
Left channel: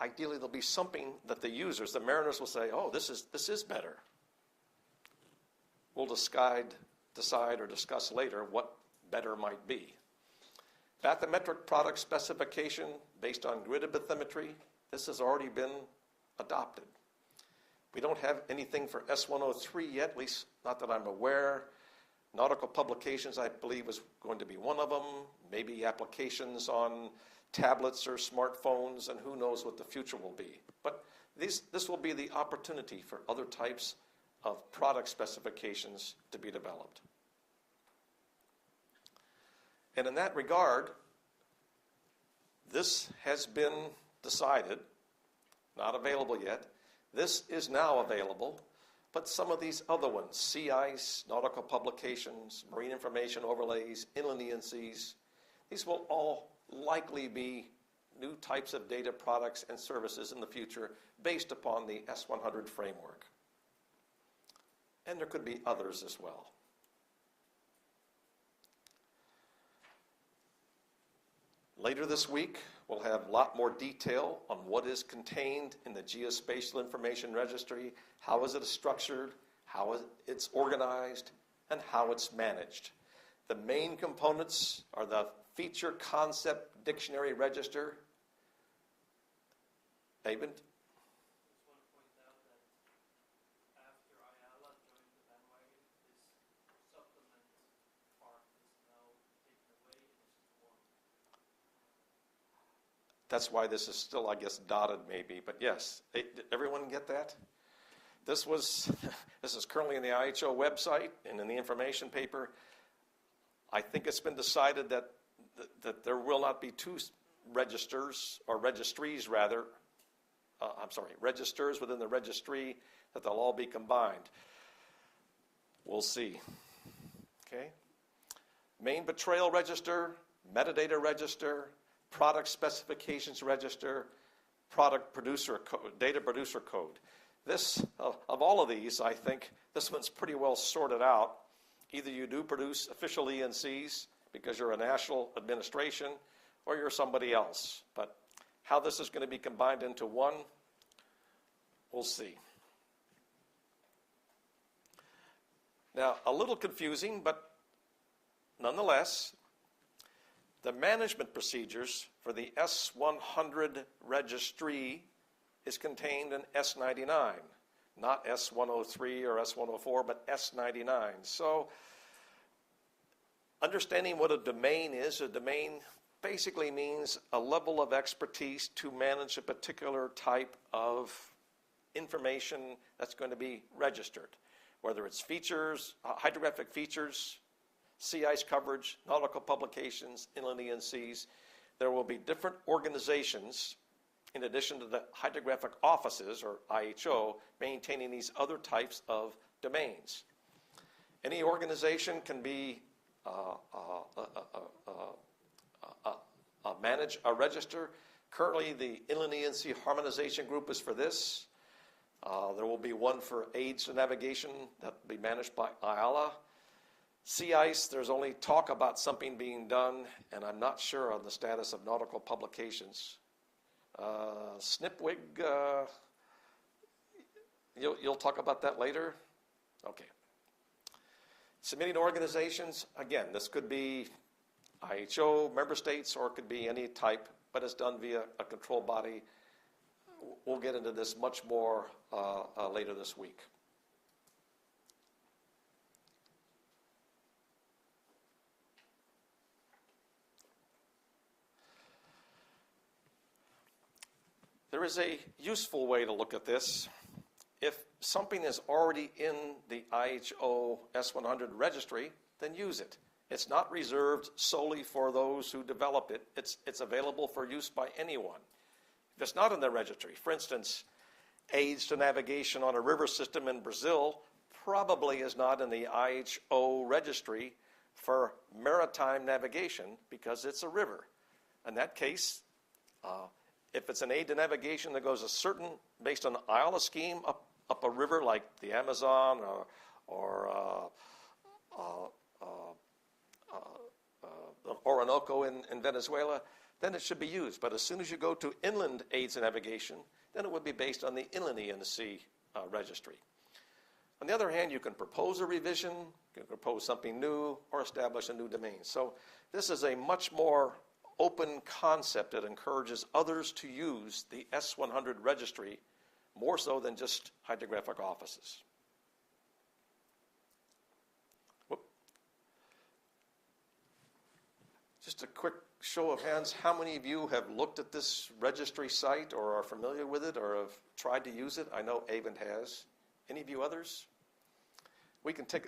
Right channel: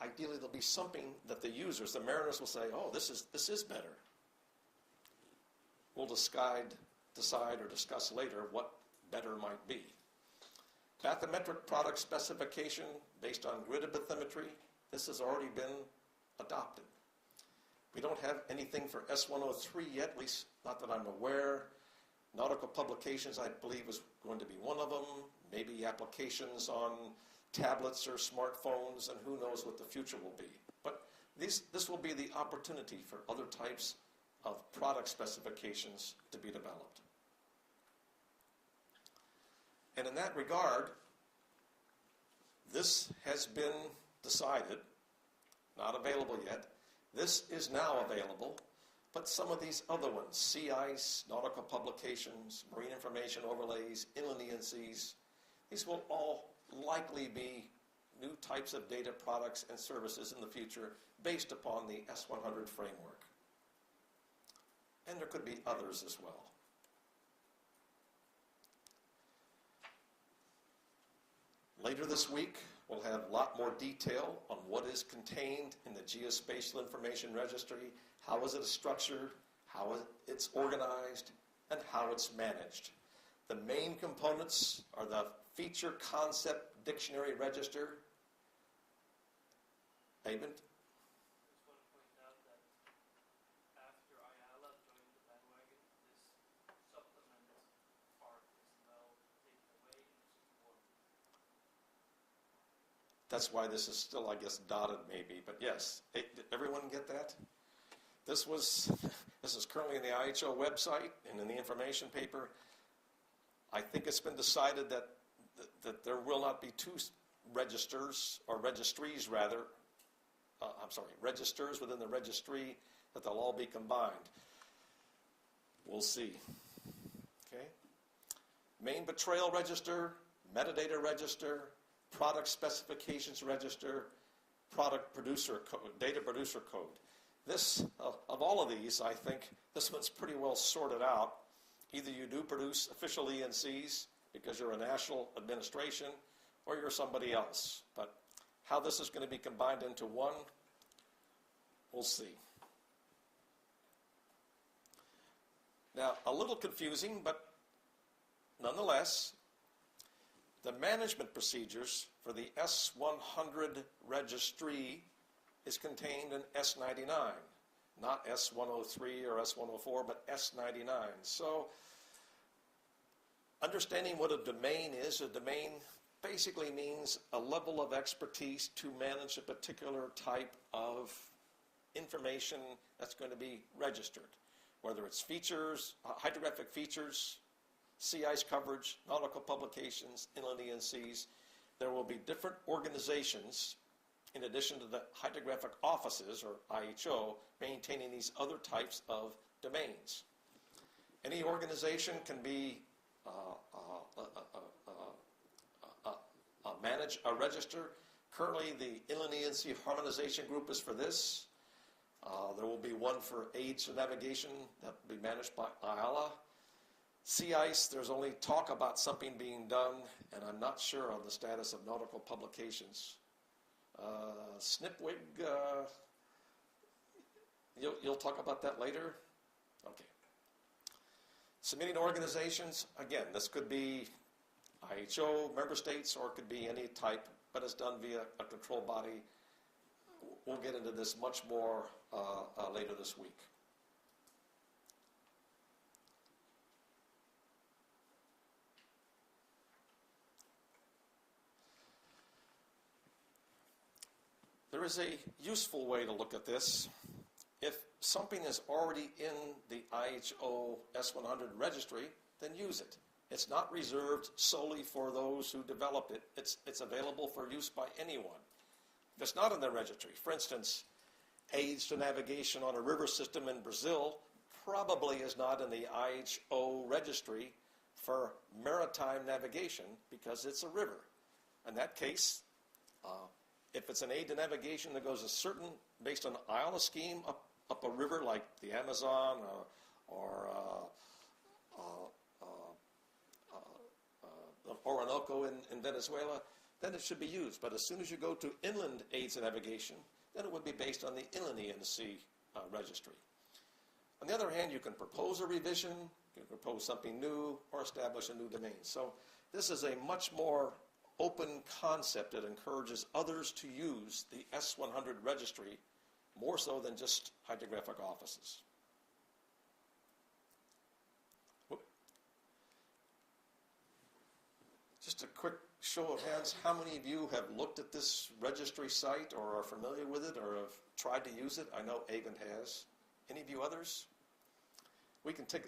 Ideally, there'll be something that the users, the mariners, will say, oh, this is better. We'll decide or discuss later what better might be. Bathymetric product specification based on grid bathymetry, this has already been adopted. We don't have anything for S103 yet, at least not that I'm aware. Nautical publications, I believe, is going to be one of them. Maybe applications on tablets or smartphones, and who knows what the future will be. But this will be the opportunity for other types of product specifications to be developed. And in that regard, this has been decided, not available yet. This is now available, but some of these other ones, sea ice, nautical publications, marine information overlays, inland E&Cs, these will all likely be new types of data products and services in the future based upon the S100 framework. And there could be others as well. Later this week, we'll have a lot more detail on what is contained in the Geospatial Information Registry, how is it structured, how it's organized, and how it's managed. The main components are the Feature Concept Dictionary Register. Abend? I just want to point out that after Ayala joined the bandwagon, this supplement part is now taken away and is formed. That's why this is still, I guess, dotted maybe. But yes, did everyone get that? This is currently in the IHO website and in the information paper. I think it's been decided that there will not be two registers, or registries rather. Registers within the registry, that they'll all be combined. We'll see. Okay. Main betrayal register, metadata register, product specifications register, product producer code, data producer code. This, of all of these, I think this one's pretty well sorted out. Either you do produce official ENCs because you're a national administration, or you're somebody else. But how this is going to be combined into one, we'll see. Now, a little confusing, but nonetheless, the management procedures for the S100 registry is contained in S99, not S103 or S104, but S99. So, understanding what a domain is, a domain basically means a level of expertise to manage a particular type of information that's going to be registered, whether it's features, hydrographic features, sea ice coverage, nautical publications, inland ENCs. There will be different organizations, in addition to the hydrographic offices, or IHO, maintaining these other types of domains. Any organization can be manage a register. Currently, the Inland ENC Harmonization Group is for this. There will be one for aids to navigation that will be managed by IALA. Sea ice, there's only talk about something being done, and I'm not sure on the status of nautical publications. SNPWIG, you'll talk about that later? Okay. Submitting organizations, again, this could be IHO, member states, or it could be any type, but it's done via a control body. We'll get into this much more later this week. There is a useful way to look at this. If something is already in the IHO S100 registry, then use it. It's not reserved solely for those who develop it. It's available for use by anyone. If it's not in the registry, for instance, aids to navigation on a river system in Brazil probably is not in the IHO registry for maritime navigation because it's a river. In that case, if it's an aid to navigation that goes based on the IALA scheme up a river like the Amazon or the Orinoco in Venezuela, then it should be used. But as soon as you go to inland aids and navigation, then it would be based on the Inland ENC registry. On the other hand, you can propose a revision, you can propose something new, or establish a new domain. So this is a much more open concept that encourages others to use the S100 registry more so than just hydrographic offices. Whoop. Just a quick show of hands, how many of you have looked at this registry site or are familiar with it or have tried to use it? I know Avon has. Any of you others? We can take,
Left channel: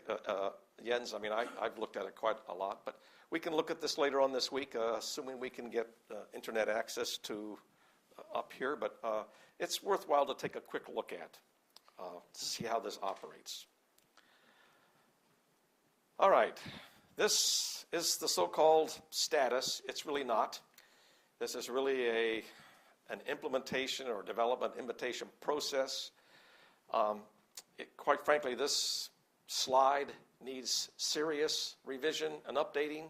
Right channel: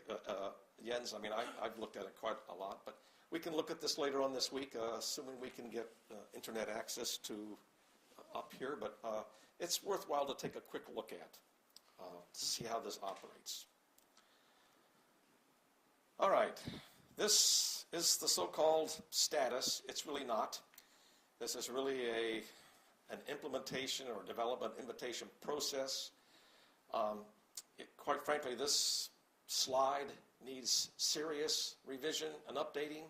Jens, I mean, I've looked at it quite a lot, but we can look at this later on this week, assuming we can get internet access to up here, but it's worthwhile to take a quick look at to see how this operates. All right, this is the so-called status. It's really not. This is really an implementation or development invitation process. Quite frankly, this slide needs serious revision and updating.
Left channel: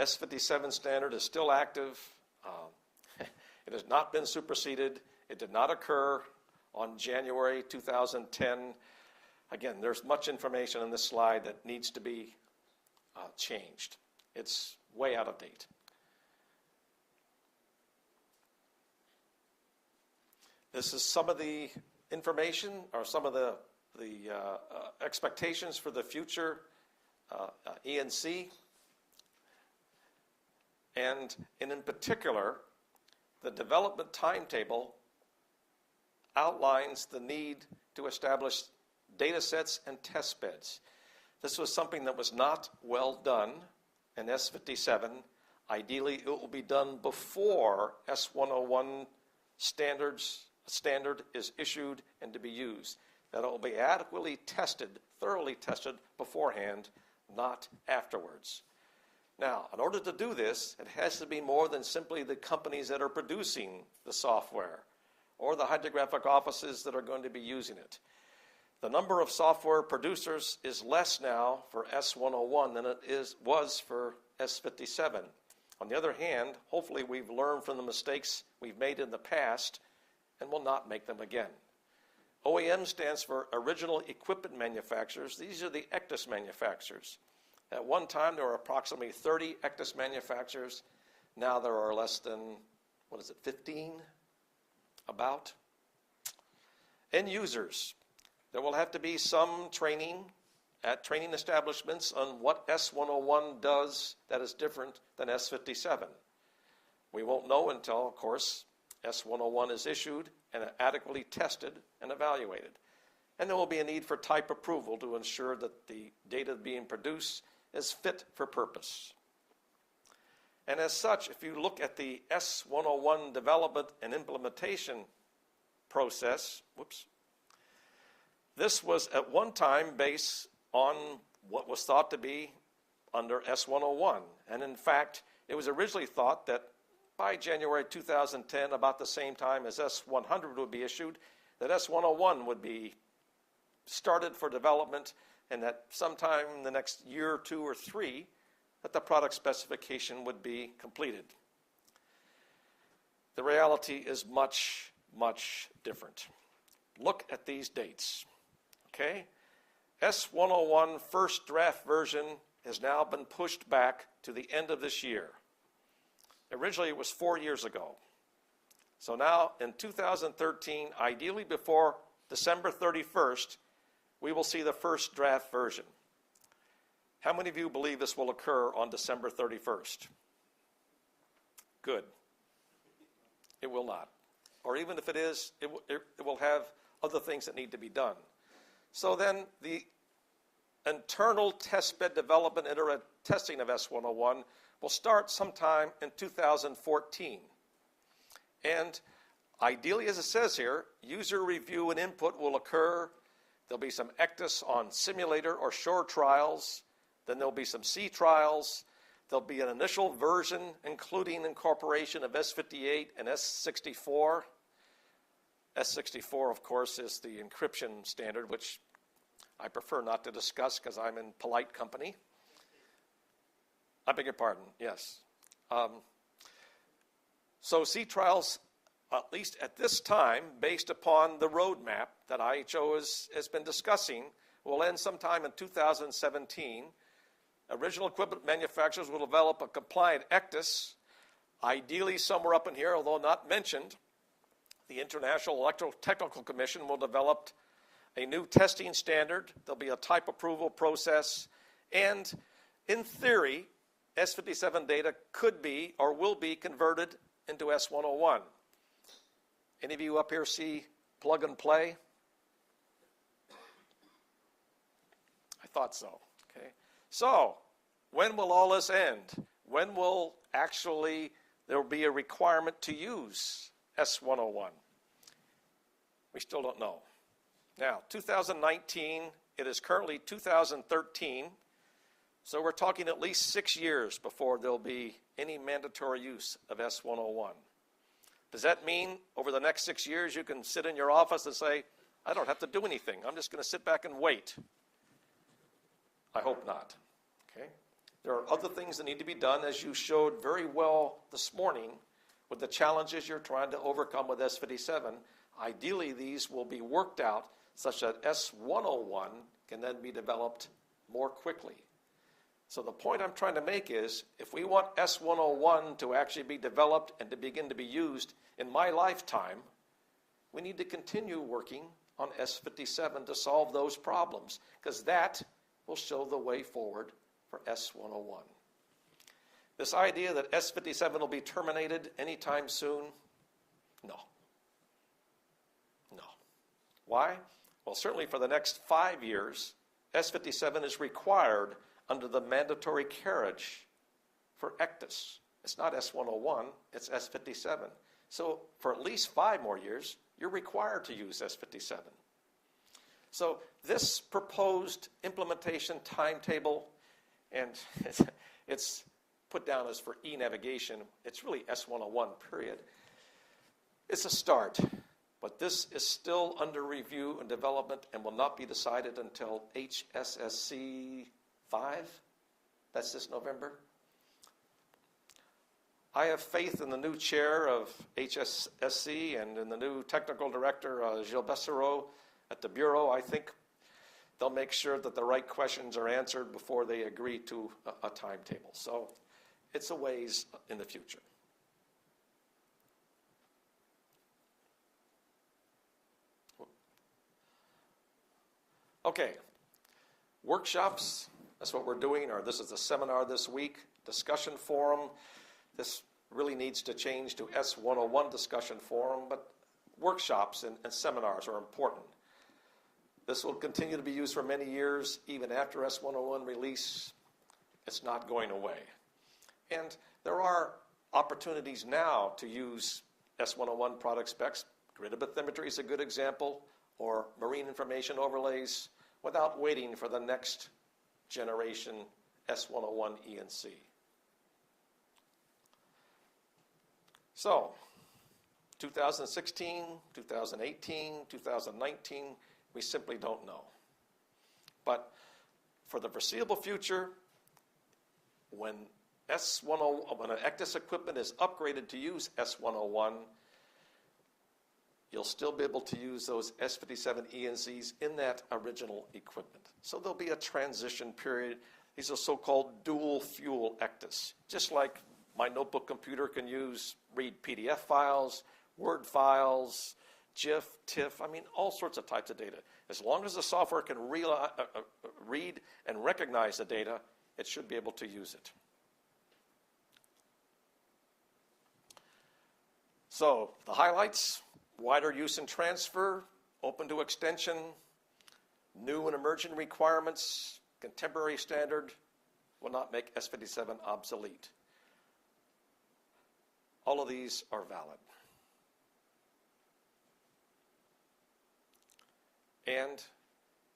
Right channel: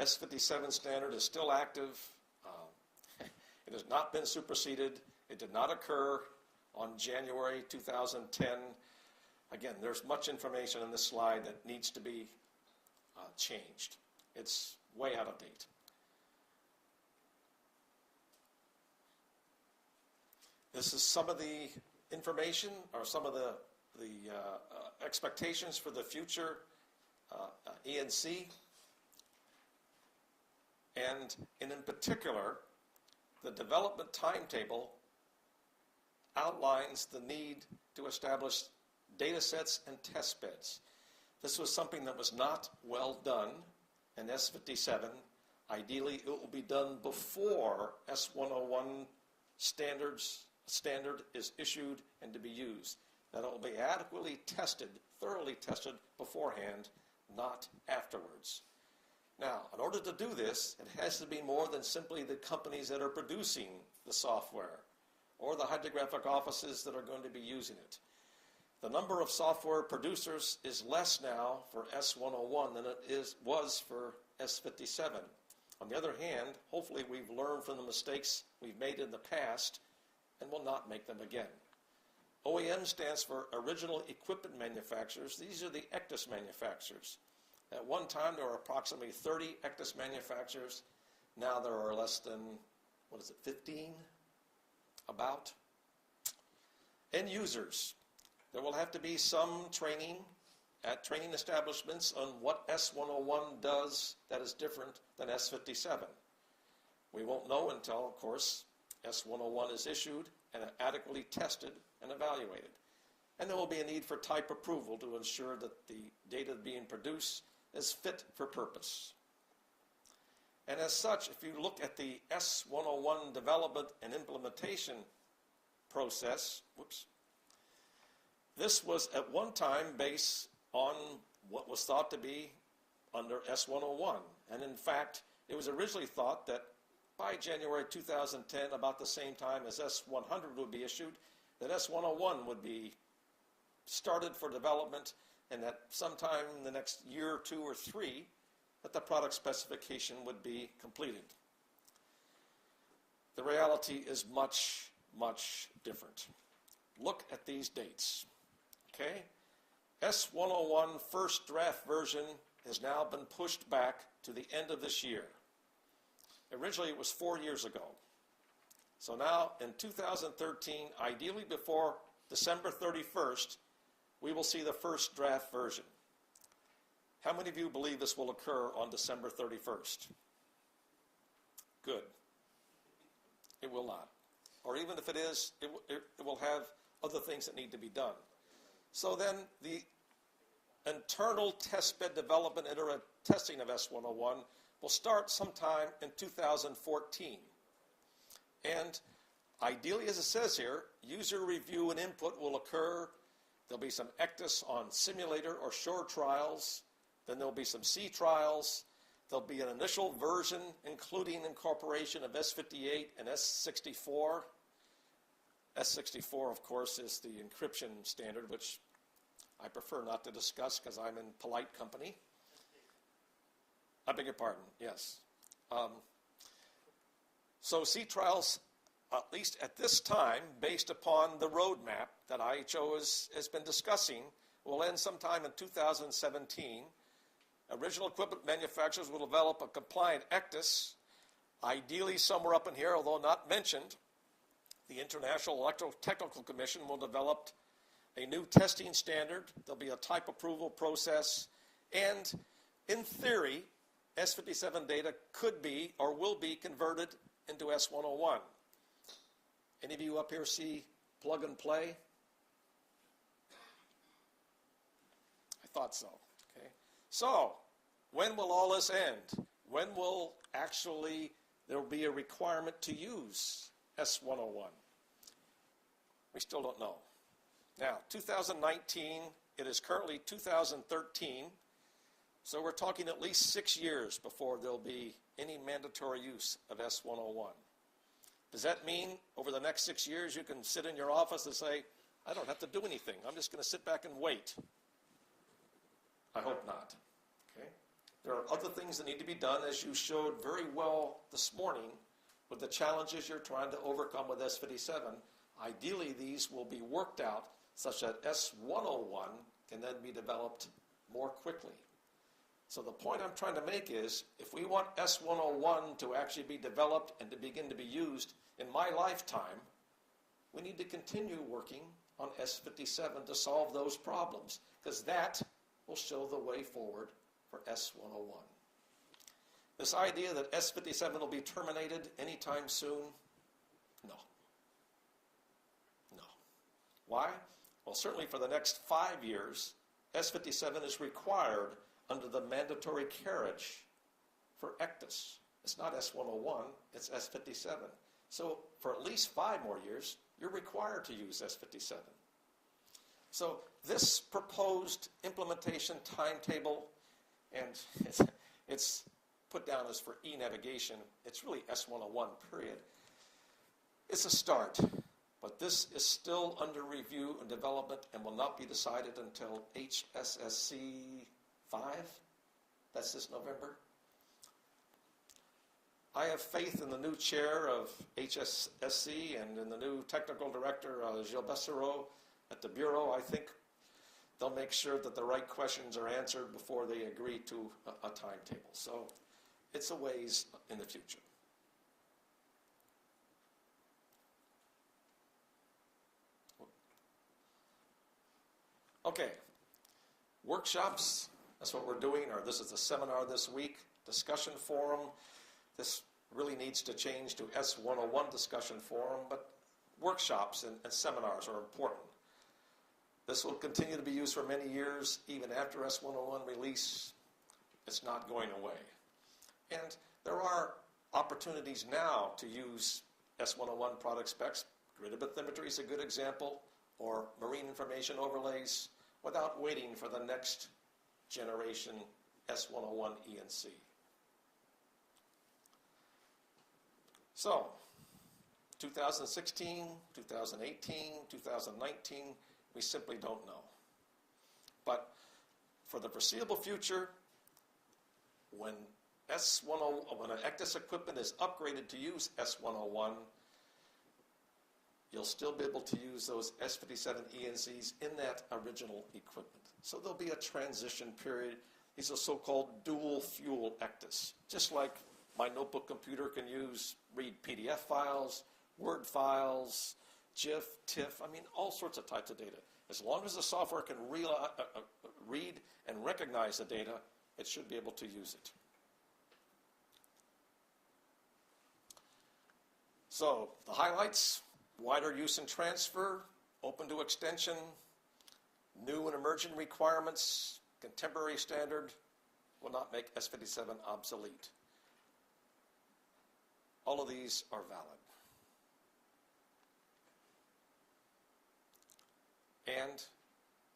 S57 standard is still active. It has not been superseded. It did not occur on January 2010. Again, there's much information in this slide that needs to be changed. It's way out of date. This is some of the information or some of the expectations for the future ENC. And in particular, the development timetable outlines the need to establish data sets and test beds. This was something that was not well done in S57. Ideally, it will be done before S101 standard is issued and to be used. That it will be adequately tested, thoroughly tested beforehand, not afterwards. Now, in order to do this, it has to be more than simply the companies that are producing the software or the hydrographic offices that are going to be using it. The number of software producers is less now for S101 than it was for S57. On the other hand, hopefully we've learned from the mistakes we've made in the past and will not make them again. OEM stands for Original Equipment Manufacturers. These are the ECDIS manufacturers. At one time, there were approximately 30 ECDIS manufacturers. Now there are less than, 15? About. End users. There will have to be some training at training establishments on what S101 does that is different than S57. We won't know until, of course, S101 is issued and adequately tested and evaluated. And there will be a need for type approval to ensure that the data being produced is fit for purpose. And as such, if you look at the S101 development and implementation process, this was at one time based on what was thought to be under S101. And in fact, it was originally thought that by January 2010, about the same time as S100 would be issued, that S101 would be started for development, and that sometime in the next year or two or three, that the product specification would be completed. The reality is much, much different. Look at these dates. Okay? S101 first draft version has now been pushed back to the end of this year. Originally, it was 4 years ago. So now, in 2013, ideally before December 31st, we will see the first draft version. How many of you believe this will occur on December 31st? Good. It will not. Or even if it is, it will have other things that need to be done. So then the internal testbed development and testing of S101 will start sometime in 2014. And ideally, as it says here, user review and input will occur. There'll be some ECDIS on simulator or shore trials. Then there'll be some sea trials. There'll be an initial version, including incorporation of S58 and S64. S64, of course, is the encryption standard, which I prefer not to discuss because I'm in polite company. I beg your pardon, yes. So sea trials, at least at this time, based upon the roadmap that IHO has been discussing, will end sometime in 2017. Original equipment manufacturers will develop a compliant ECDIS, ideally somewhere up in here, although not mentioned. The International Electrotechnical Commission will develop a new testing standard. There'll be a type approval process. And in theory, S57 data could be or will be converted into S101. Any of you up here see plug and play? I thought so. Okay. So, when will all this end? When will actually there will be a requirement to use S101? We still don't know. Now, 2019, it is currently 2013, so we're talking at least 6 years before there'll be any mandatory use of S101. Does that mean over the next 6 years you can sit in your office and say, I don't have to do anything, I'm just going to sit back and wait? I hope not. Okay? There are other things that need to be done, as you showed very well this morning, with the challenges you're trying to overcome with S57. Ideally, these will be worked out such that S101 can then be developed more quickly. So the point I'm trying to make is, if we want S101 to actually be developed and to begin to be used in my lifetime, we need to continue working on S57 to solve those problems, because that will show the way forward for S101. This idea that S57 will be terminated anytime soon, no. No. Why? Well, certainly for the next 5 years, S57 is required under the mandatory carriage for ECDIS. It's not S101, it's S57. So for at least 5 more years, you're required to use S57. So this proposed implementation timetable, and it's put down as for e-navigation, it's really S101, period. It's a start, but this is still under review and development and will not be decided until HSSC 5. That's this November. I have faith in the new chair of HSSC and in the new technical director, Gilles Bessereau, at the Bureau. I think they'll make sure that the right questions are answered before they agree to a timetable. So it's a ways in the future. Okay, workshops, that's what we're doing, or this is the seminar this week. Discussion forum, this really needs to change to S101 discussion forum, but workshops and seminars are important. This will continue to be used for many years, even after S101 release. It's not going away. And there are opportunities now to use S101 product specs. Grid bathymetry is a good example, or marine information overlays, without waiting for the next generation S101 E&C. So, 2016, 2018, 2019, we simply don't know. But for the foreseeable future, when when an ECDIS equipment is upgraded to use S101, you'll still be able to use those S57 E&Cs in that original equipment. So there'll be a transition period. These are so-called dual fuel ECDIS. Just like my notebook computer can read PDF files, Word files, GIF, TIFF, all sorts of types of data. As long as the software can read and recognize the data, it should be able to use it. So the highlights: wider use and transfer, open to extension, new and emerging requirements, contemporary standard will not make S57 obsolete. All of these are valid. And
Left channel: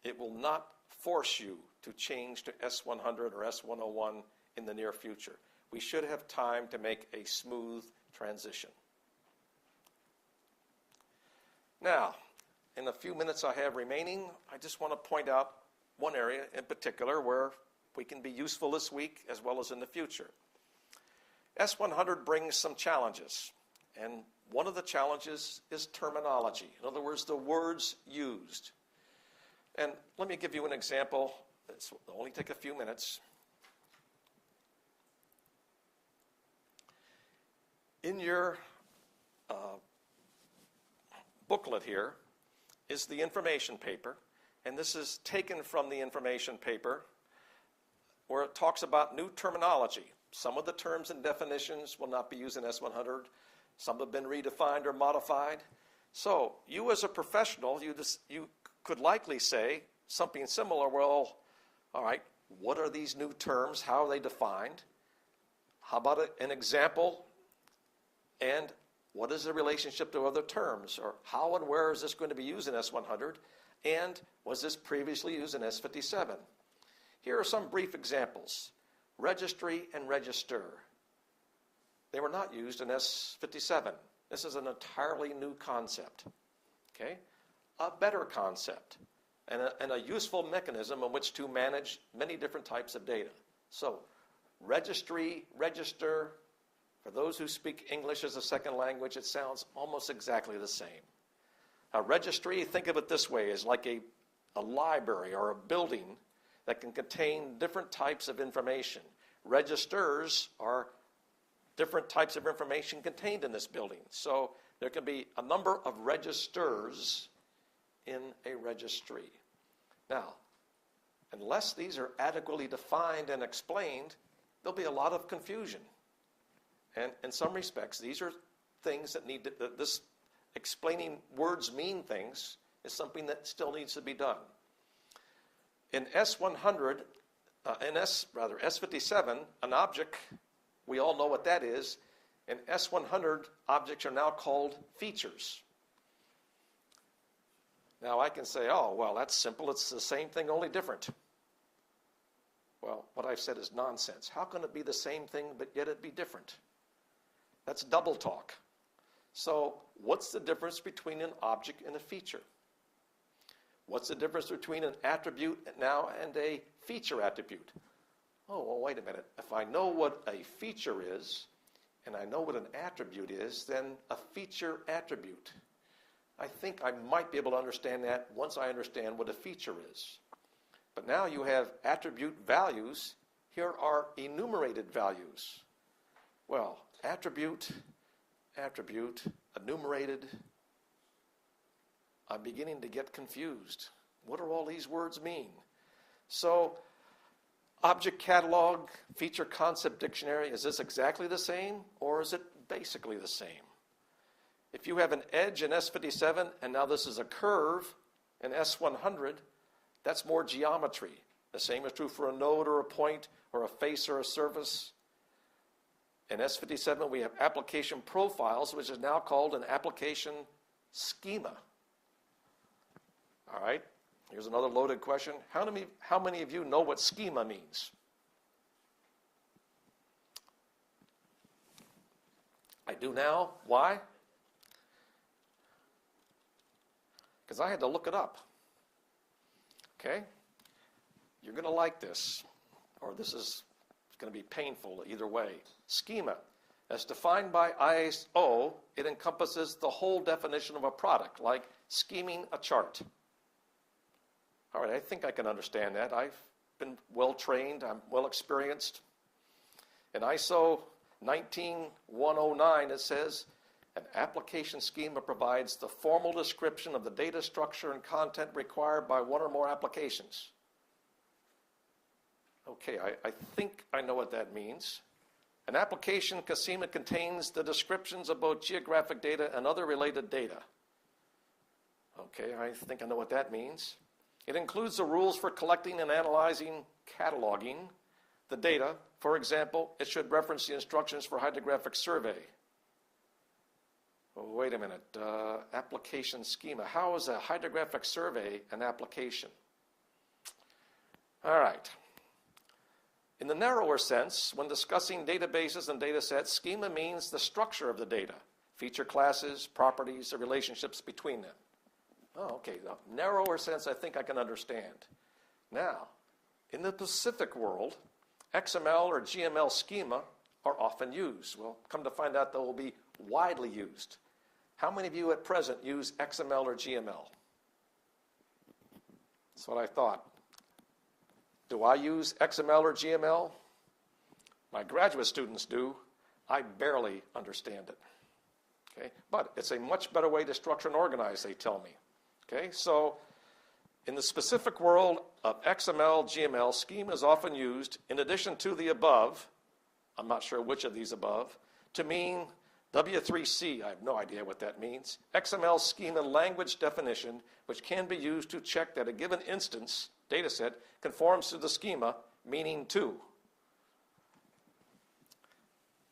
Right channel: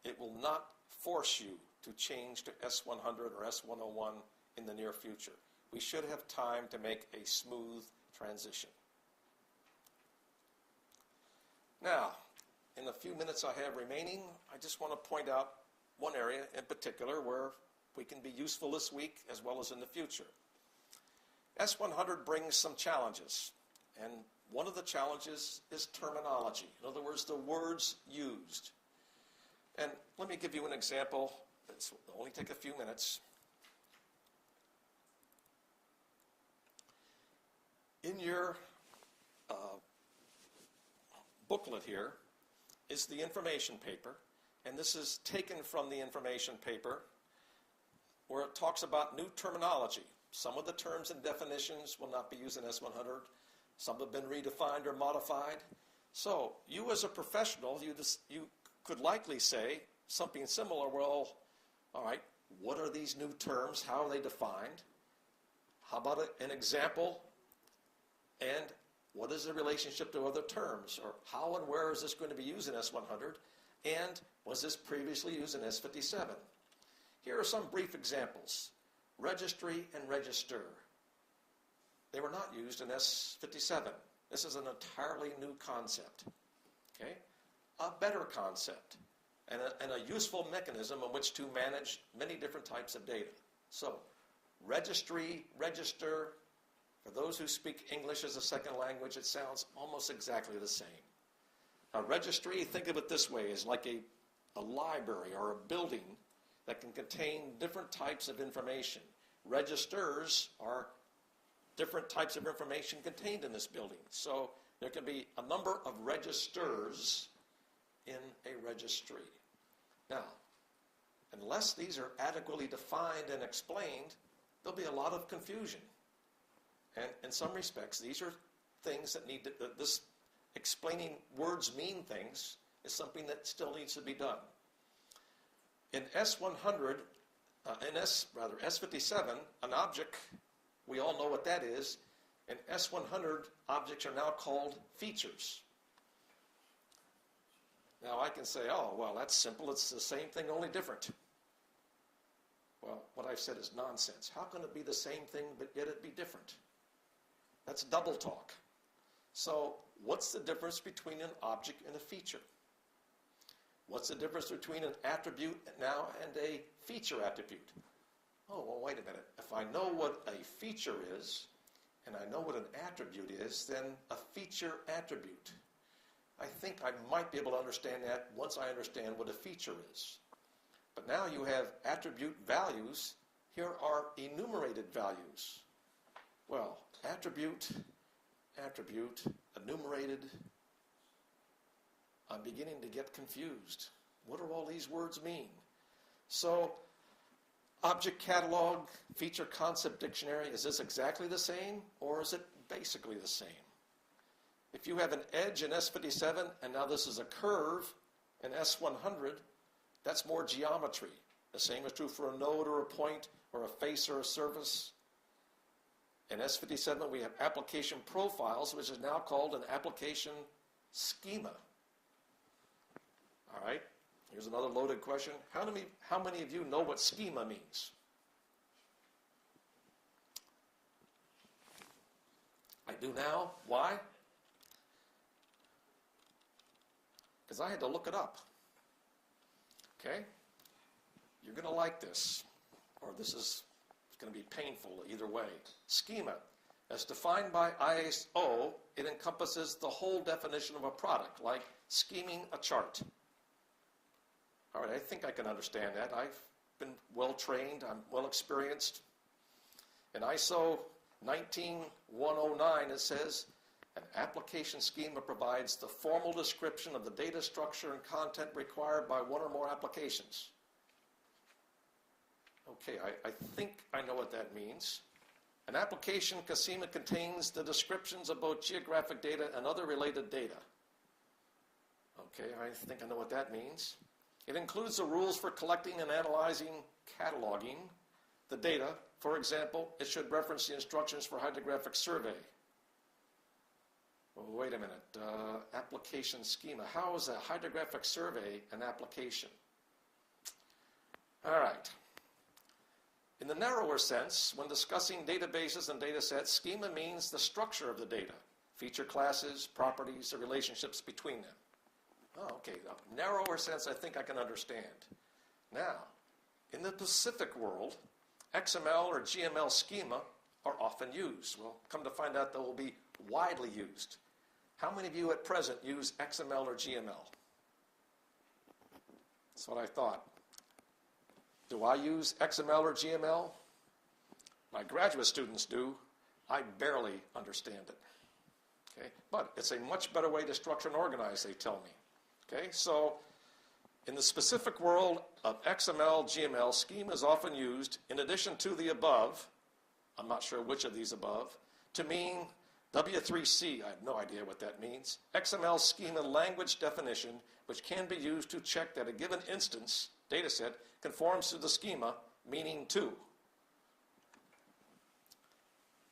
it will not force you to change to S100 or S101 in the near future. We should have time to make a smooth transition. Now, in the few minutes I have remaining, I just want to point out one area in particular where we can be useful this week as well as in the future. S100 brings some challenges, and one of the challenges is terminology. In other words, the words used. And let me give you an example. This will only take a few minutes. In your booklet here is the information paper, and this is taken from the information paper where it talks about new terminology. Some of the terms and definitions will not be used in S100. Some have been redefined or modified. So you as a professional, you could likely say something similar. Well, all right, what are these new terms? How are they defined? How about an example? And what is the relationship to other terms? Or how and where is this going to be used in S100? And was this previously used in S57? Here are some brief examples. Registry and register. They were not used in S57. This is an entirely new concept. Okay? A better concept and a useful mechanism in which to manage many different types of data. So, registry, register, for those who speak English as a second language, it sounds almost exactly the same. A registry, think of it this way, is like a library or a building that can contain different types of information. Registers are different types of information contained in this building. So there can be a number of registers in a registry. Now, unless these are adequately defined and explained, there'll be a lot of confusion. And in some respects, these are things that need to, this explaining words mean things is something that still needs to be done. In S100, S57, an object, we all know what that is. In S100, objects are now called features. Now I can say, oh, well, that's simple. It's the same thing, only different. Well, what I've said is nonsense. How can it be the same thing, but yet it be different? That's double talk. So what's the difference between an object and a feature? What's the difference between an attribute now and a feature attribute? Oh, well, wait a minute. If I know what a feature is, and I know what an attribute is, then a feature attribute. I think I might be able to understand that once I understand what a feature is. But now you have attribute values. Here are enumerated values. Well, attribute, enumerated. I'm beginning to get confused. What do all these words mean? So, object catalog, feature concept dictionary, is this exactly the same, or is it basically the same? If you have an edge in S57, and now this is a curve in S100, that's more geometry. The same is true for a node or a point, or a face or a surface. In S57, we have application profiles, which is now called an application schema. All right, here's another loaded question. How many of you know what schema means? I do now. Why? Because I had to look it up. Okay? You're going to like this, or this is going to be painful either way. Schema. As defined by ISO, it encompasses the whole definition of a product, like scheming a chart. All right, I think I can understand that. I've been well trained, I'm well experienced. In ISO 19109, it says, an application schema provides the formal description of the data structure and content required by one or more applications. Okay, I think I know what that means. An application schema contains the descriptions of both geographic data and other related data. Okay, I think I know what that means. It includes the rules for collecting and analyzing, cataloging the data. For example, it should reference the instructions for hydrographic survey. Oh, wait a minute, application schema. How is a hydrographic survey an application? All right. In the narrower sense, when discussing databases and data sets, schema means the structure of the data, feature classes, properties, the relationships between them. Oh, okay, the narrower sense I think I can understand. Now, in the Pacific world, XML or GML schema are often used. Well, come to find out they will be widely used. How many of you at present use XML or GML? That's what I thought. Do I use XML or GML? My graduate students do. I barely understand it. Okay? But it's a much better way to structure and organize, they tell me. Okay? So, in the specific world of XML, GML, schema is often used, in addition to the above, I'm not sure which of these above, to mean W3C, I have no idea what that means, XML schema language definition, which can be used to check that a given instance, data set, conforms to the schema, meaning to.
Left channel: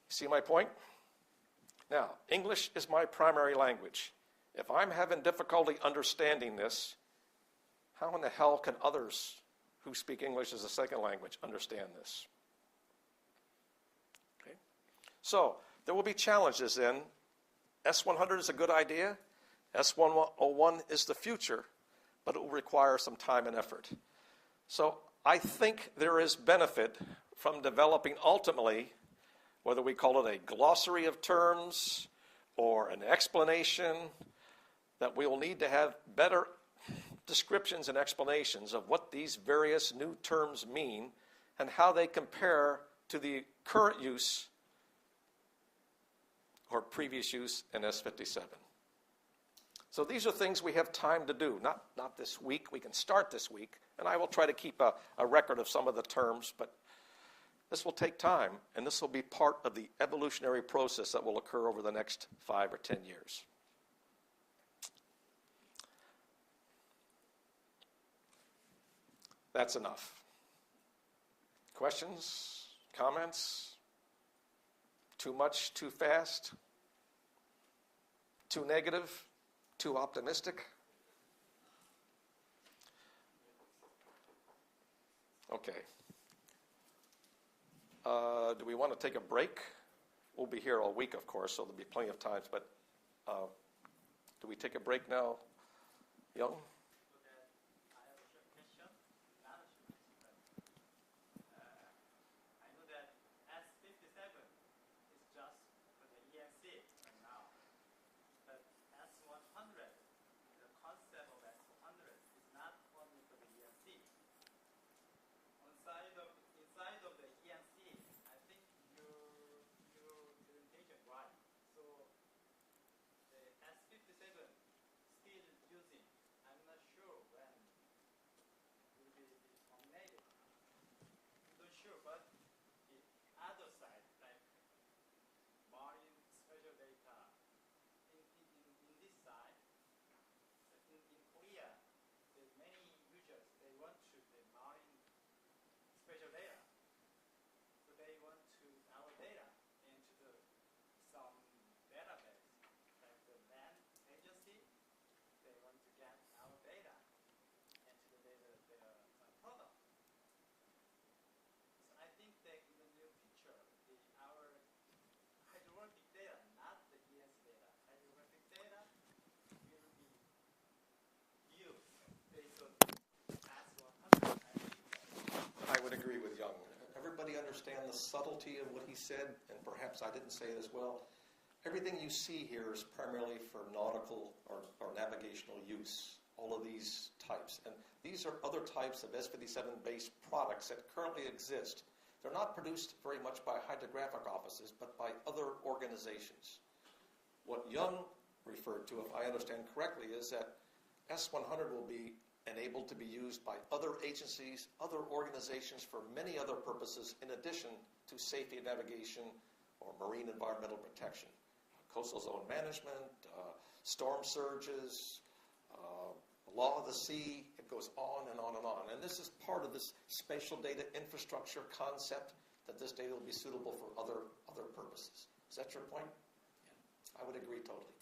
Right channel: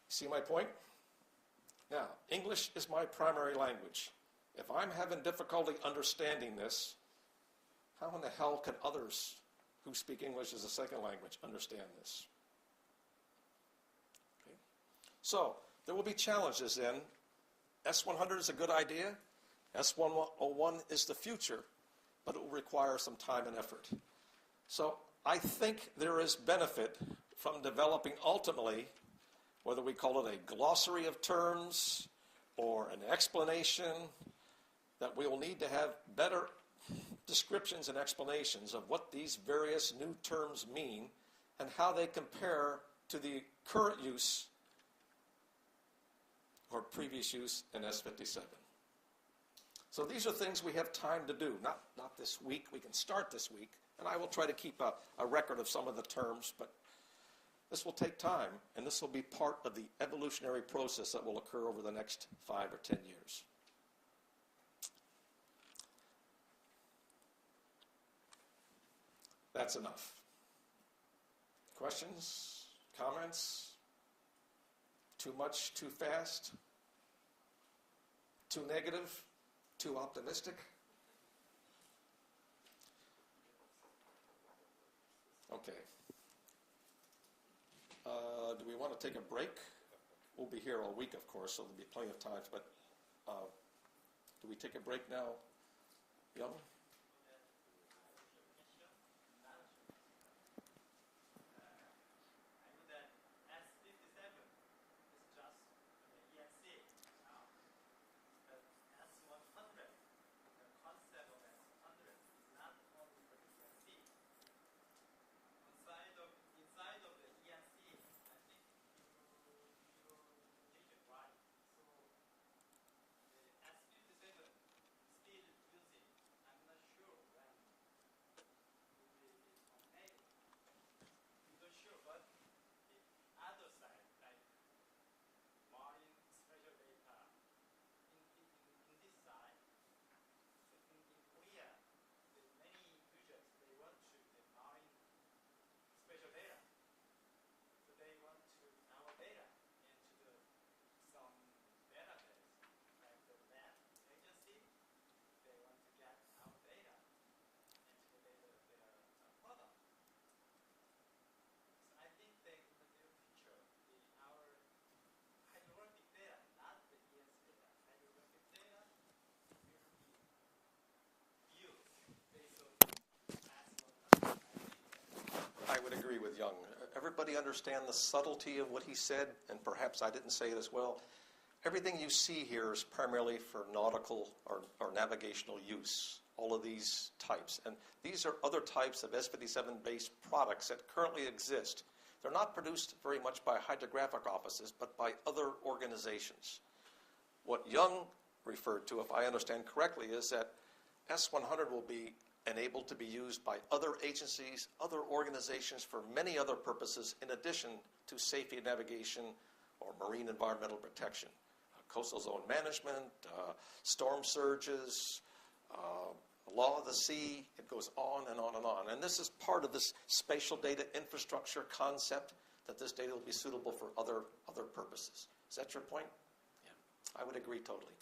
See my point? Now, English is my primary language. If I'm having difficulty understanding this, how in the hell can others who speak English as a second language understand this? Okay. So, there will be challenges then. S100 is a good idea. S101 is the future, but it will require some time and effort. So I think there is benefit from developing ultimately, whether we call it a glossary of terms or an explanation, that we will need to have better descriptions and explanations of what these various new terms mean and how they compare to the current use or previous use in S57. So these are things we have time to do, not this week. We can start this week, and I will try to keep a record of some of the terms, but This will take time, and this will be part of the evolutionary process that will occur over the next 5 or 10 years. That's enough. Questions? Comments? Too much? Too fast? Too negative? Too optimistic? Okay. Do we want to take a break? We'll be here all week, of course, so there'll be plenty of times, but do we take a break now, Young? I would agree with Young. Everybody understand the subtlety of what he said, and perhaps I didn't say it as well. Everything you see here is primarily for nautical or navigational use, all of these types. And these are other types of S57-based products that currently exist. They're not produced very much by hydrographic offices, but by other organizations. What Young referred to, if I understand correctly, is that S100 will be enabled to be used by other agencies, other organizations for many other purposes in addition to safety navigation or marine environmental protection. Coastal zone management, storm surges, law of the sea, it goes on and on and on. And this is part of this spatial data infrastructure concept, that this data will be suitable for other purposes. Is that your point? Yeah, I would agree totally.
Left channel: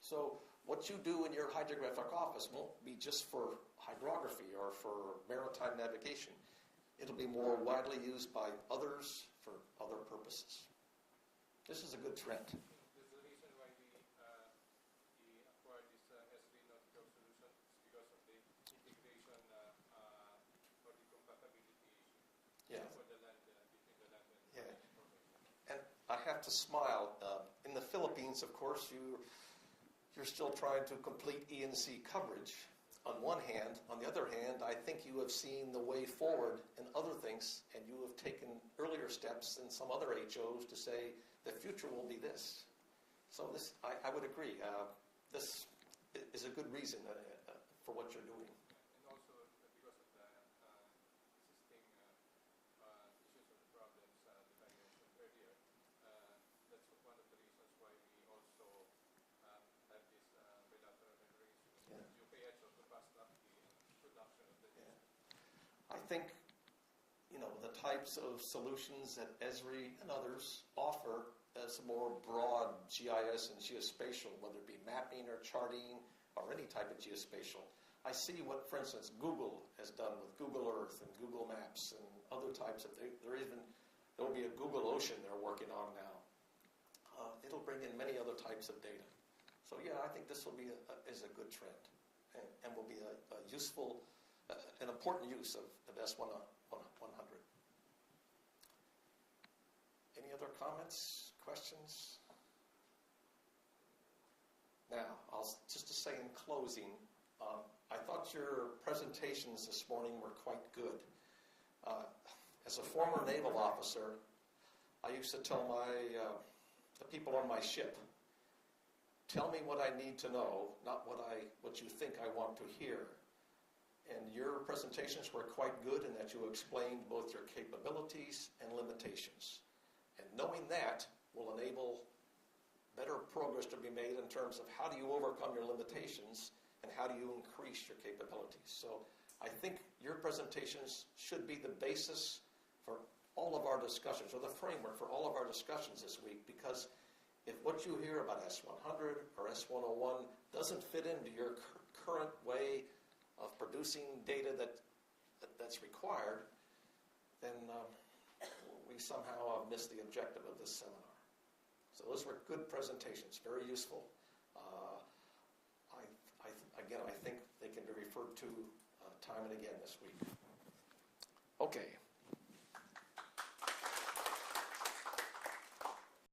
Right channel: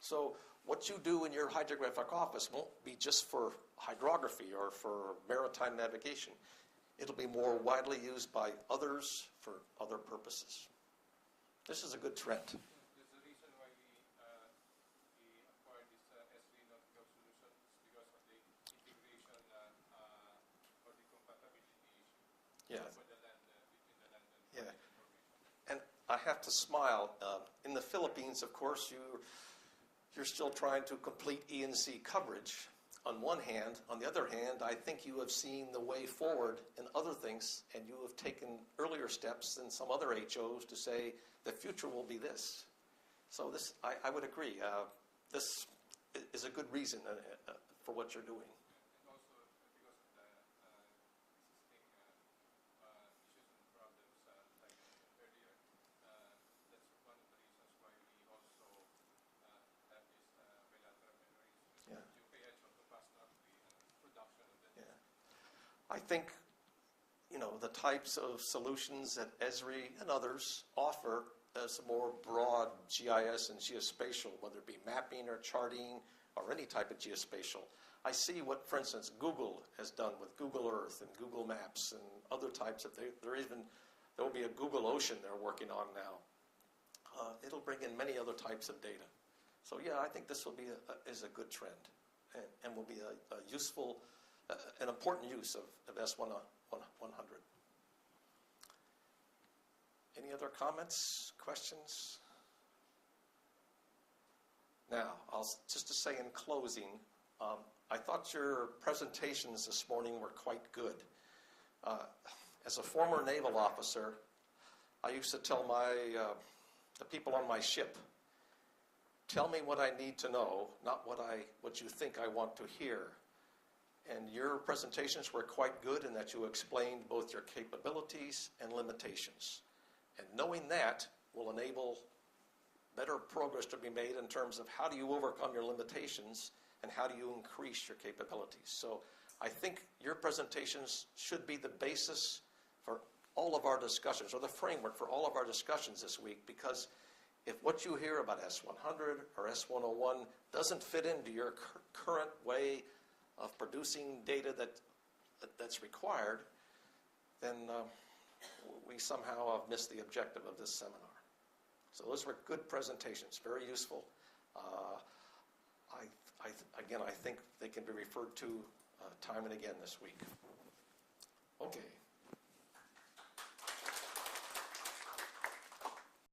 So what you do in your hydrographic office won't be just for hydrography or for maritime navigation. It'll be more widely used by others for other purposes. This is a good trend. There's the reason why we acquired this S3 Nautical solution is because of the integration or the compatibility issue for the land, between the land and information. And I have to smile. In the Philippines, of course, you're still trying to complete E&C coverage on one hand. On the other hand, I think you have seen the way forward in other things, and you have taken earlier steps than some other HOs to say the future will be this. So this, I would agree. This is a good reason for what you're doing. And also because of the existing issues and problems that I mentioned earlier, that's one of the reasons why we also have this bilateral arrangement with UKH or Tupasnak, the production of the data. I think, the types of solutions that Esri and others offer as a more broad GIS and geospatial, whether it be mapping or charting or any type of geospatial. I see what, for instance, Google has done with Google Earth and Google Maps and other types of, there will be a Google Ocean they're working on now. It'll bring in many other types of data. So yeah, I think this will be is a good trend and will be a useful, an important use of S100. Any other comments, questions? Now, just to say in closing, I thought your presentations this morning were quite good. As a former naval officer, I used to tell the people on my ship, tell me what I need to know, not what you think I want to hear. and your presentations were quite good in that you explained both your capabilities and limitations. And knowing that will enable better progress to be made in terms of how do you overcome your limitations and how do you increase your capabilities. So I think your presentations should be the basis for all of our discussions, or the framework for all of our discussions this week, because if what you hear about S100 or S101 doesn't fit into your current way of producing data that's required, then we somehow have missed the objective of this seminar. So those were good presentations, very useful. Again, I think they can be referred to time and again this week. Okay.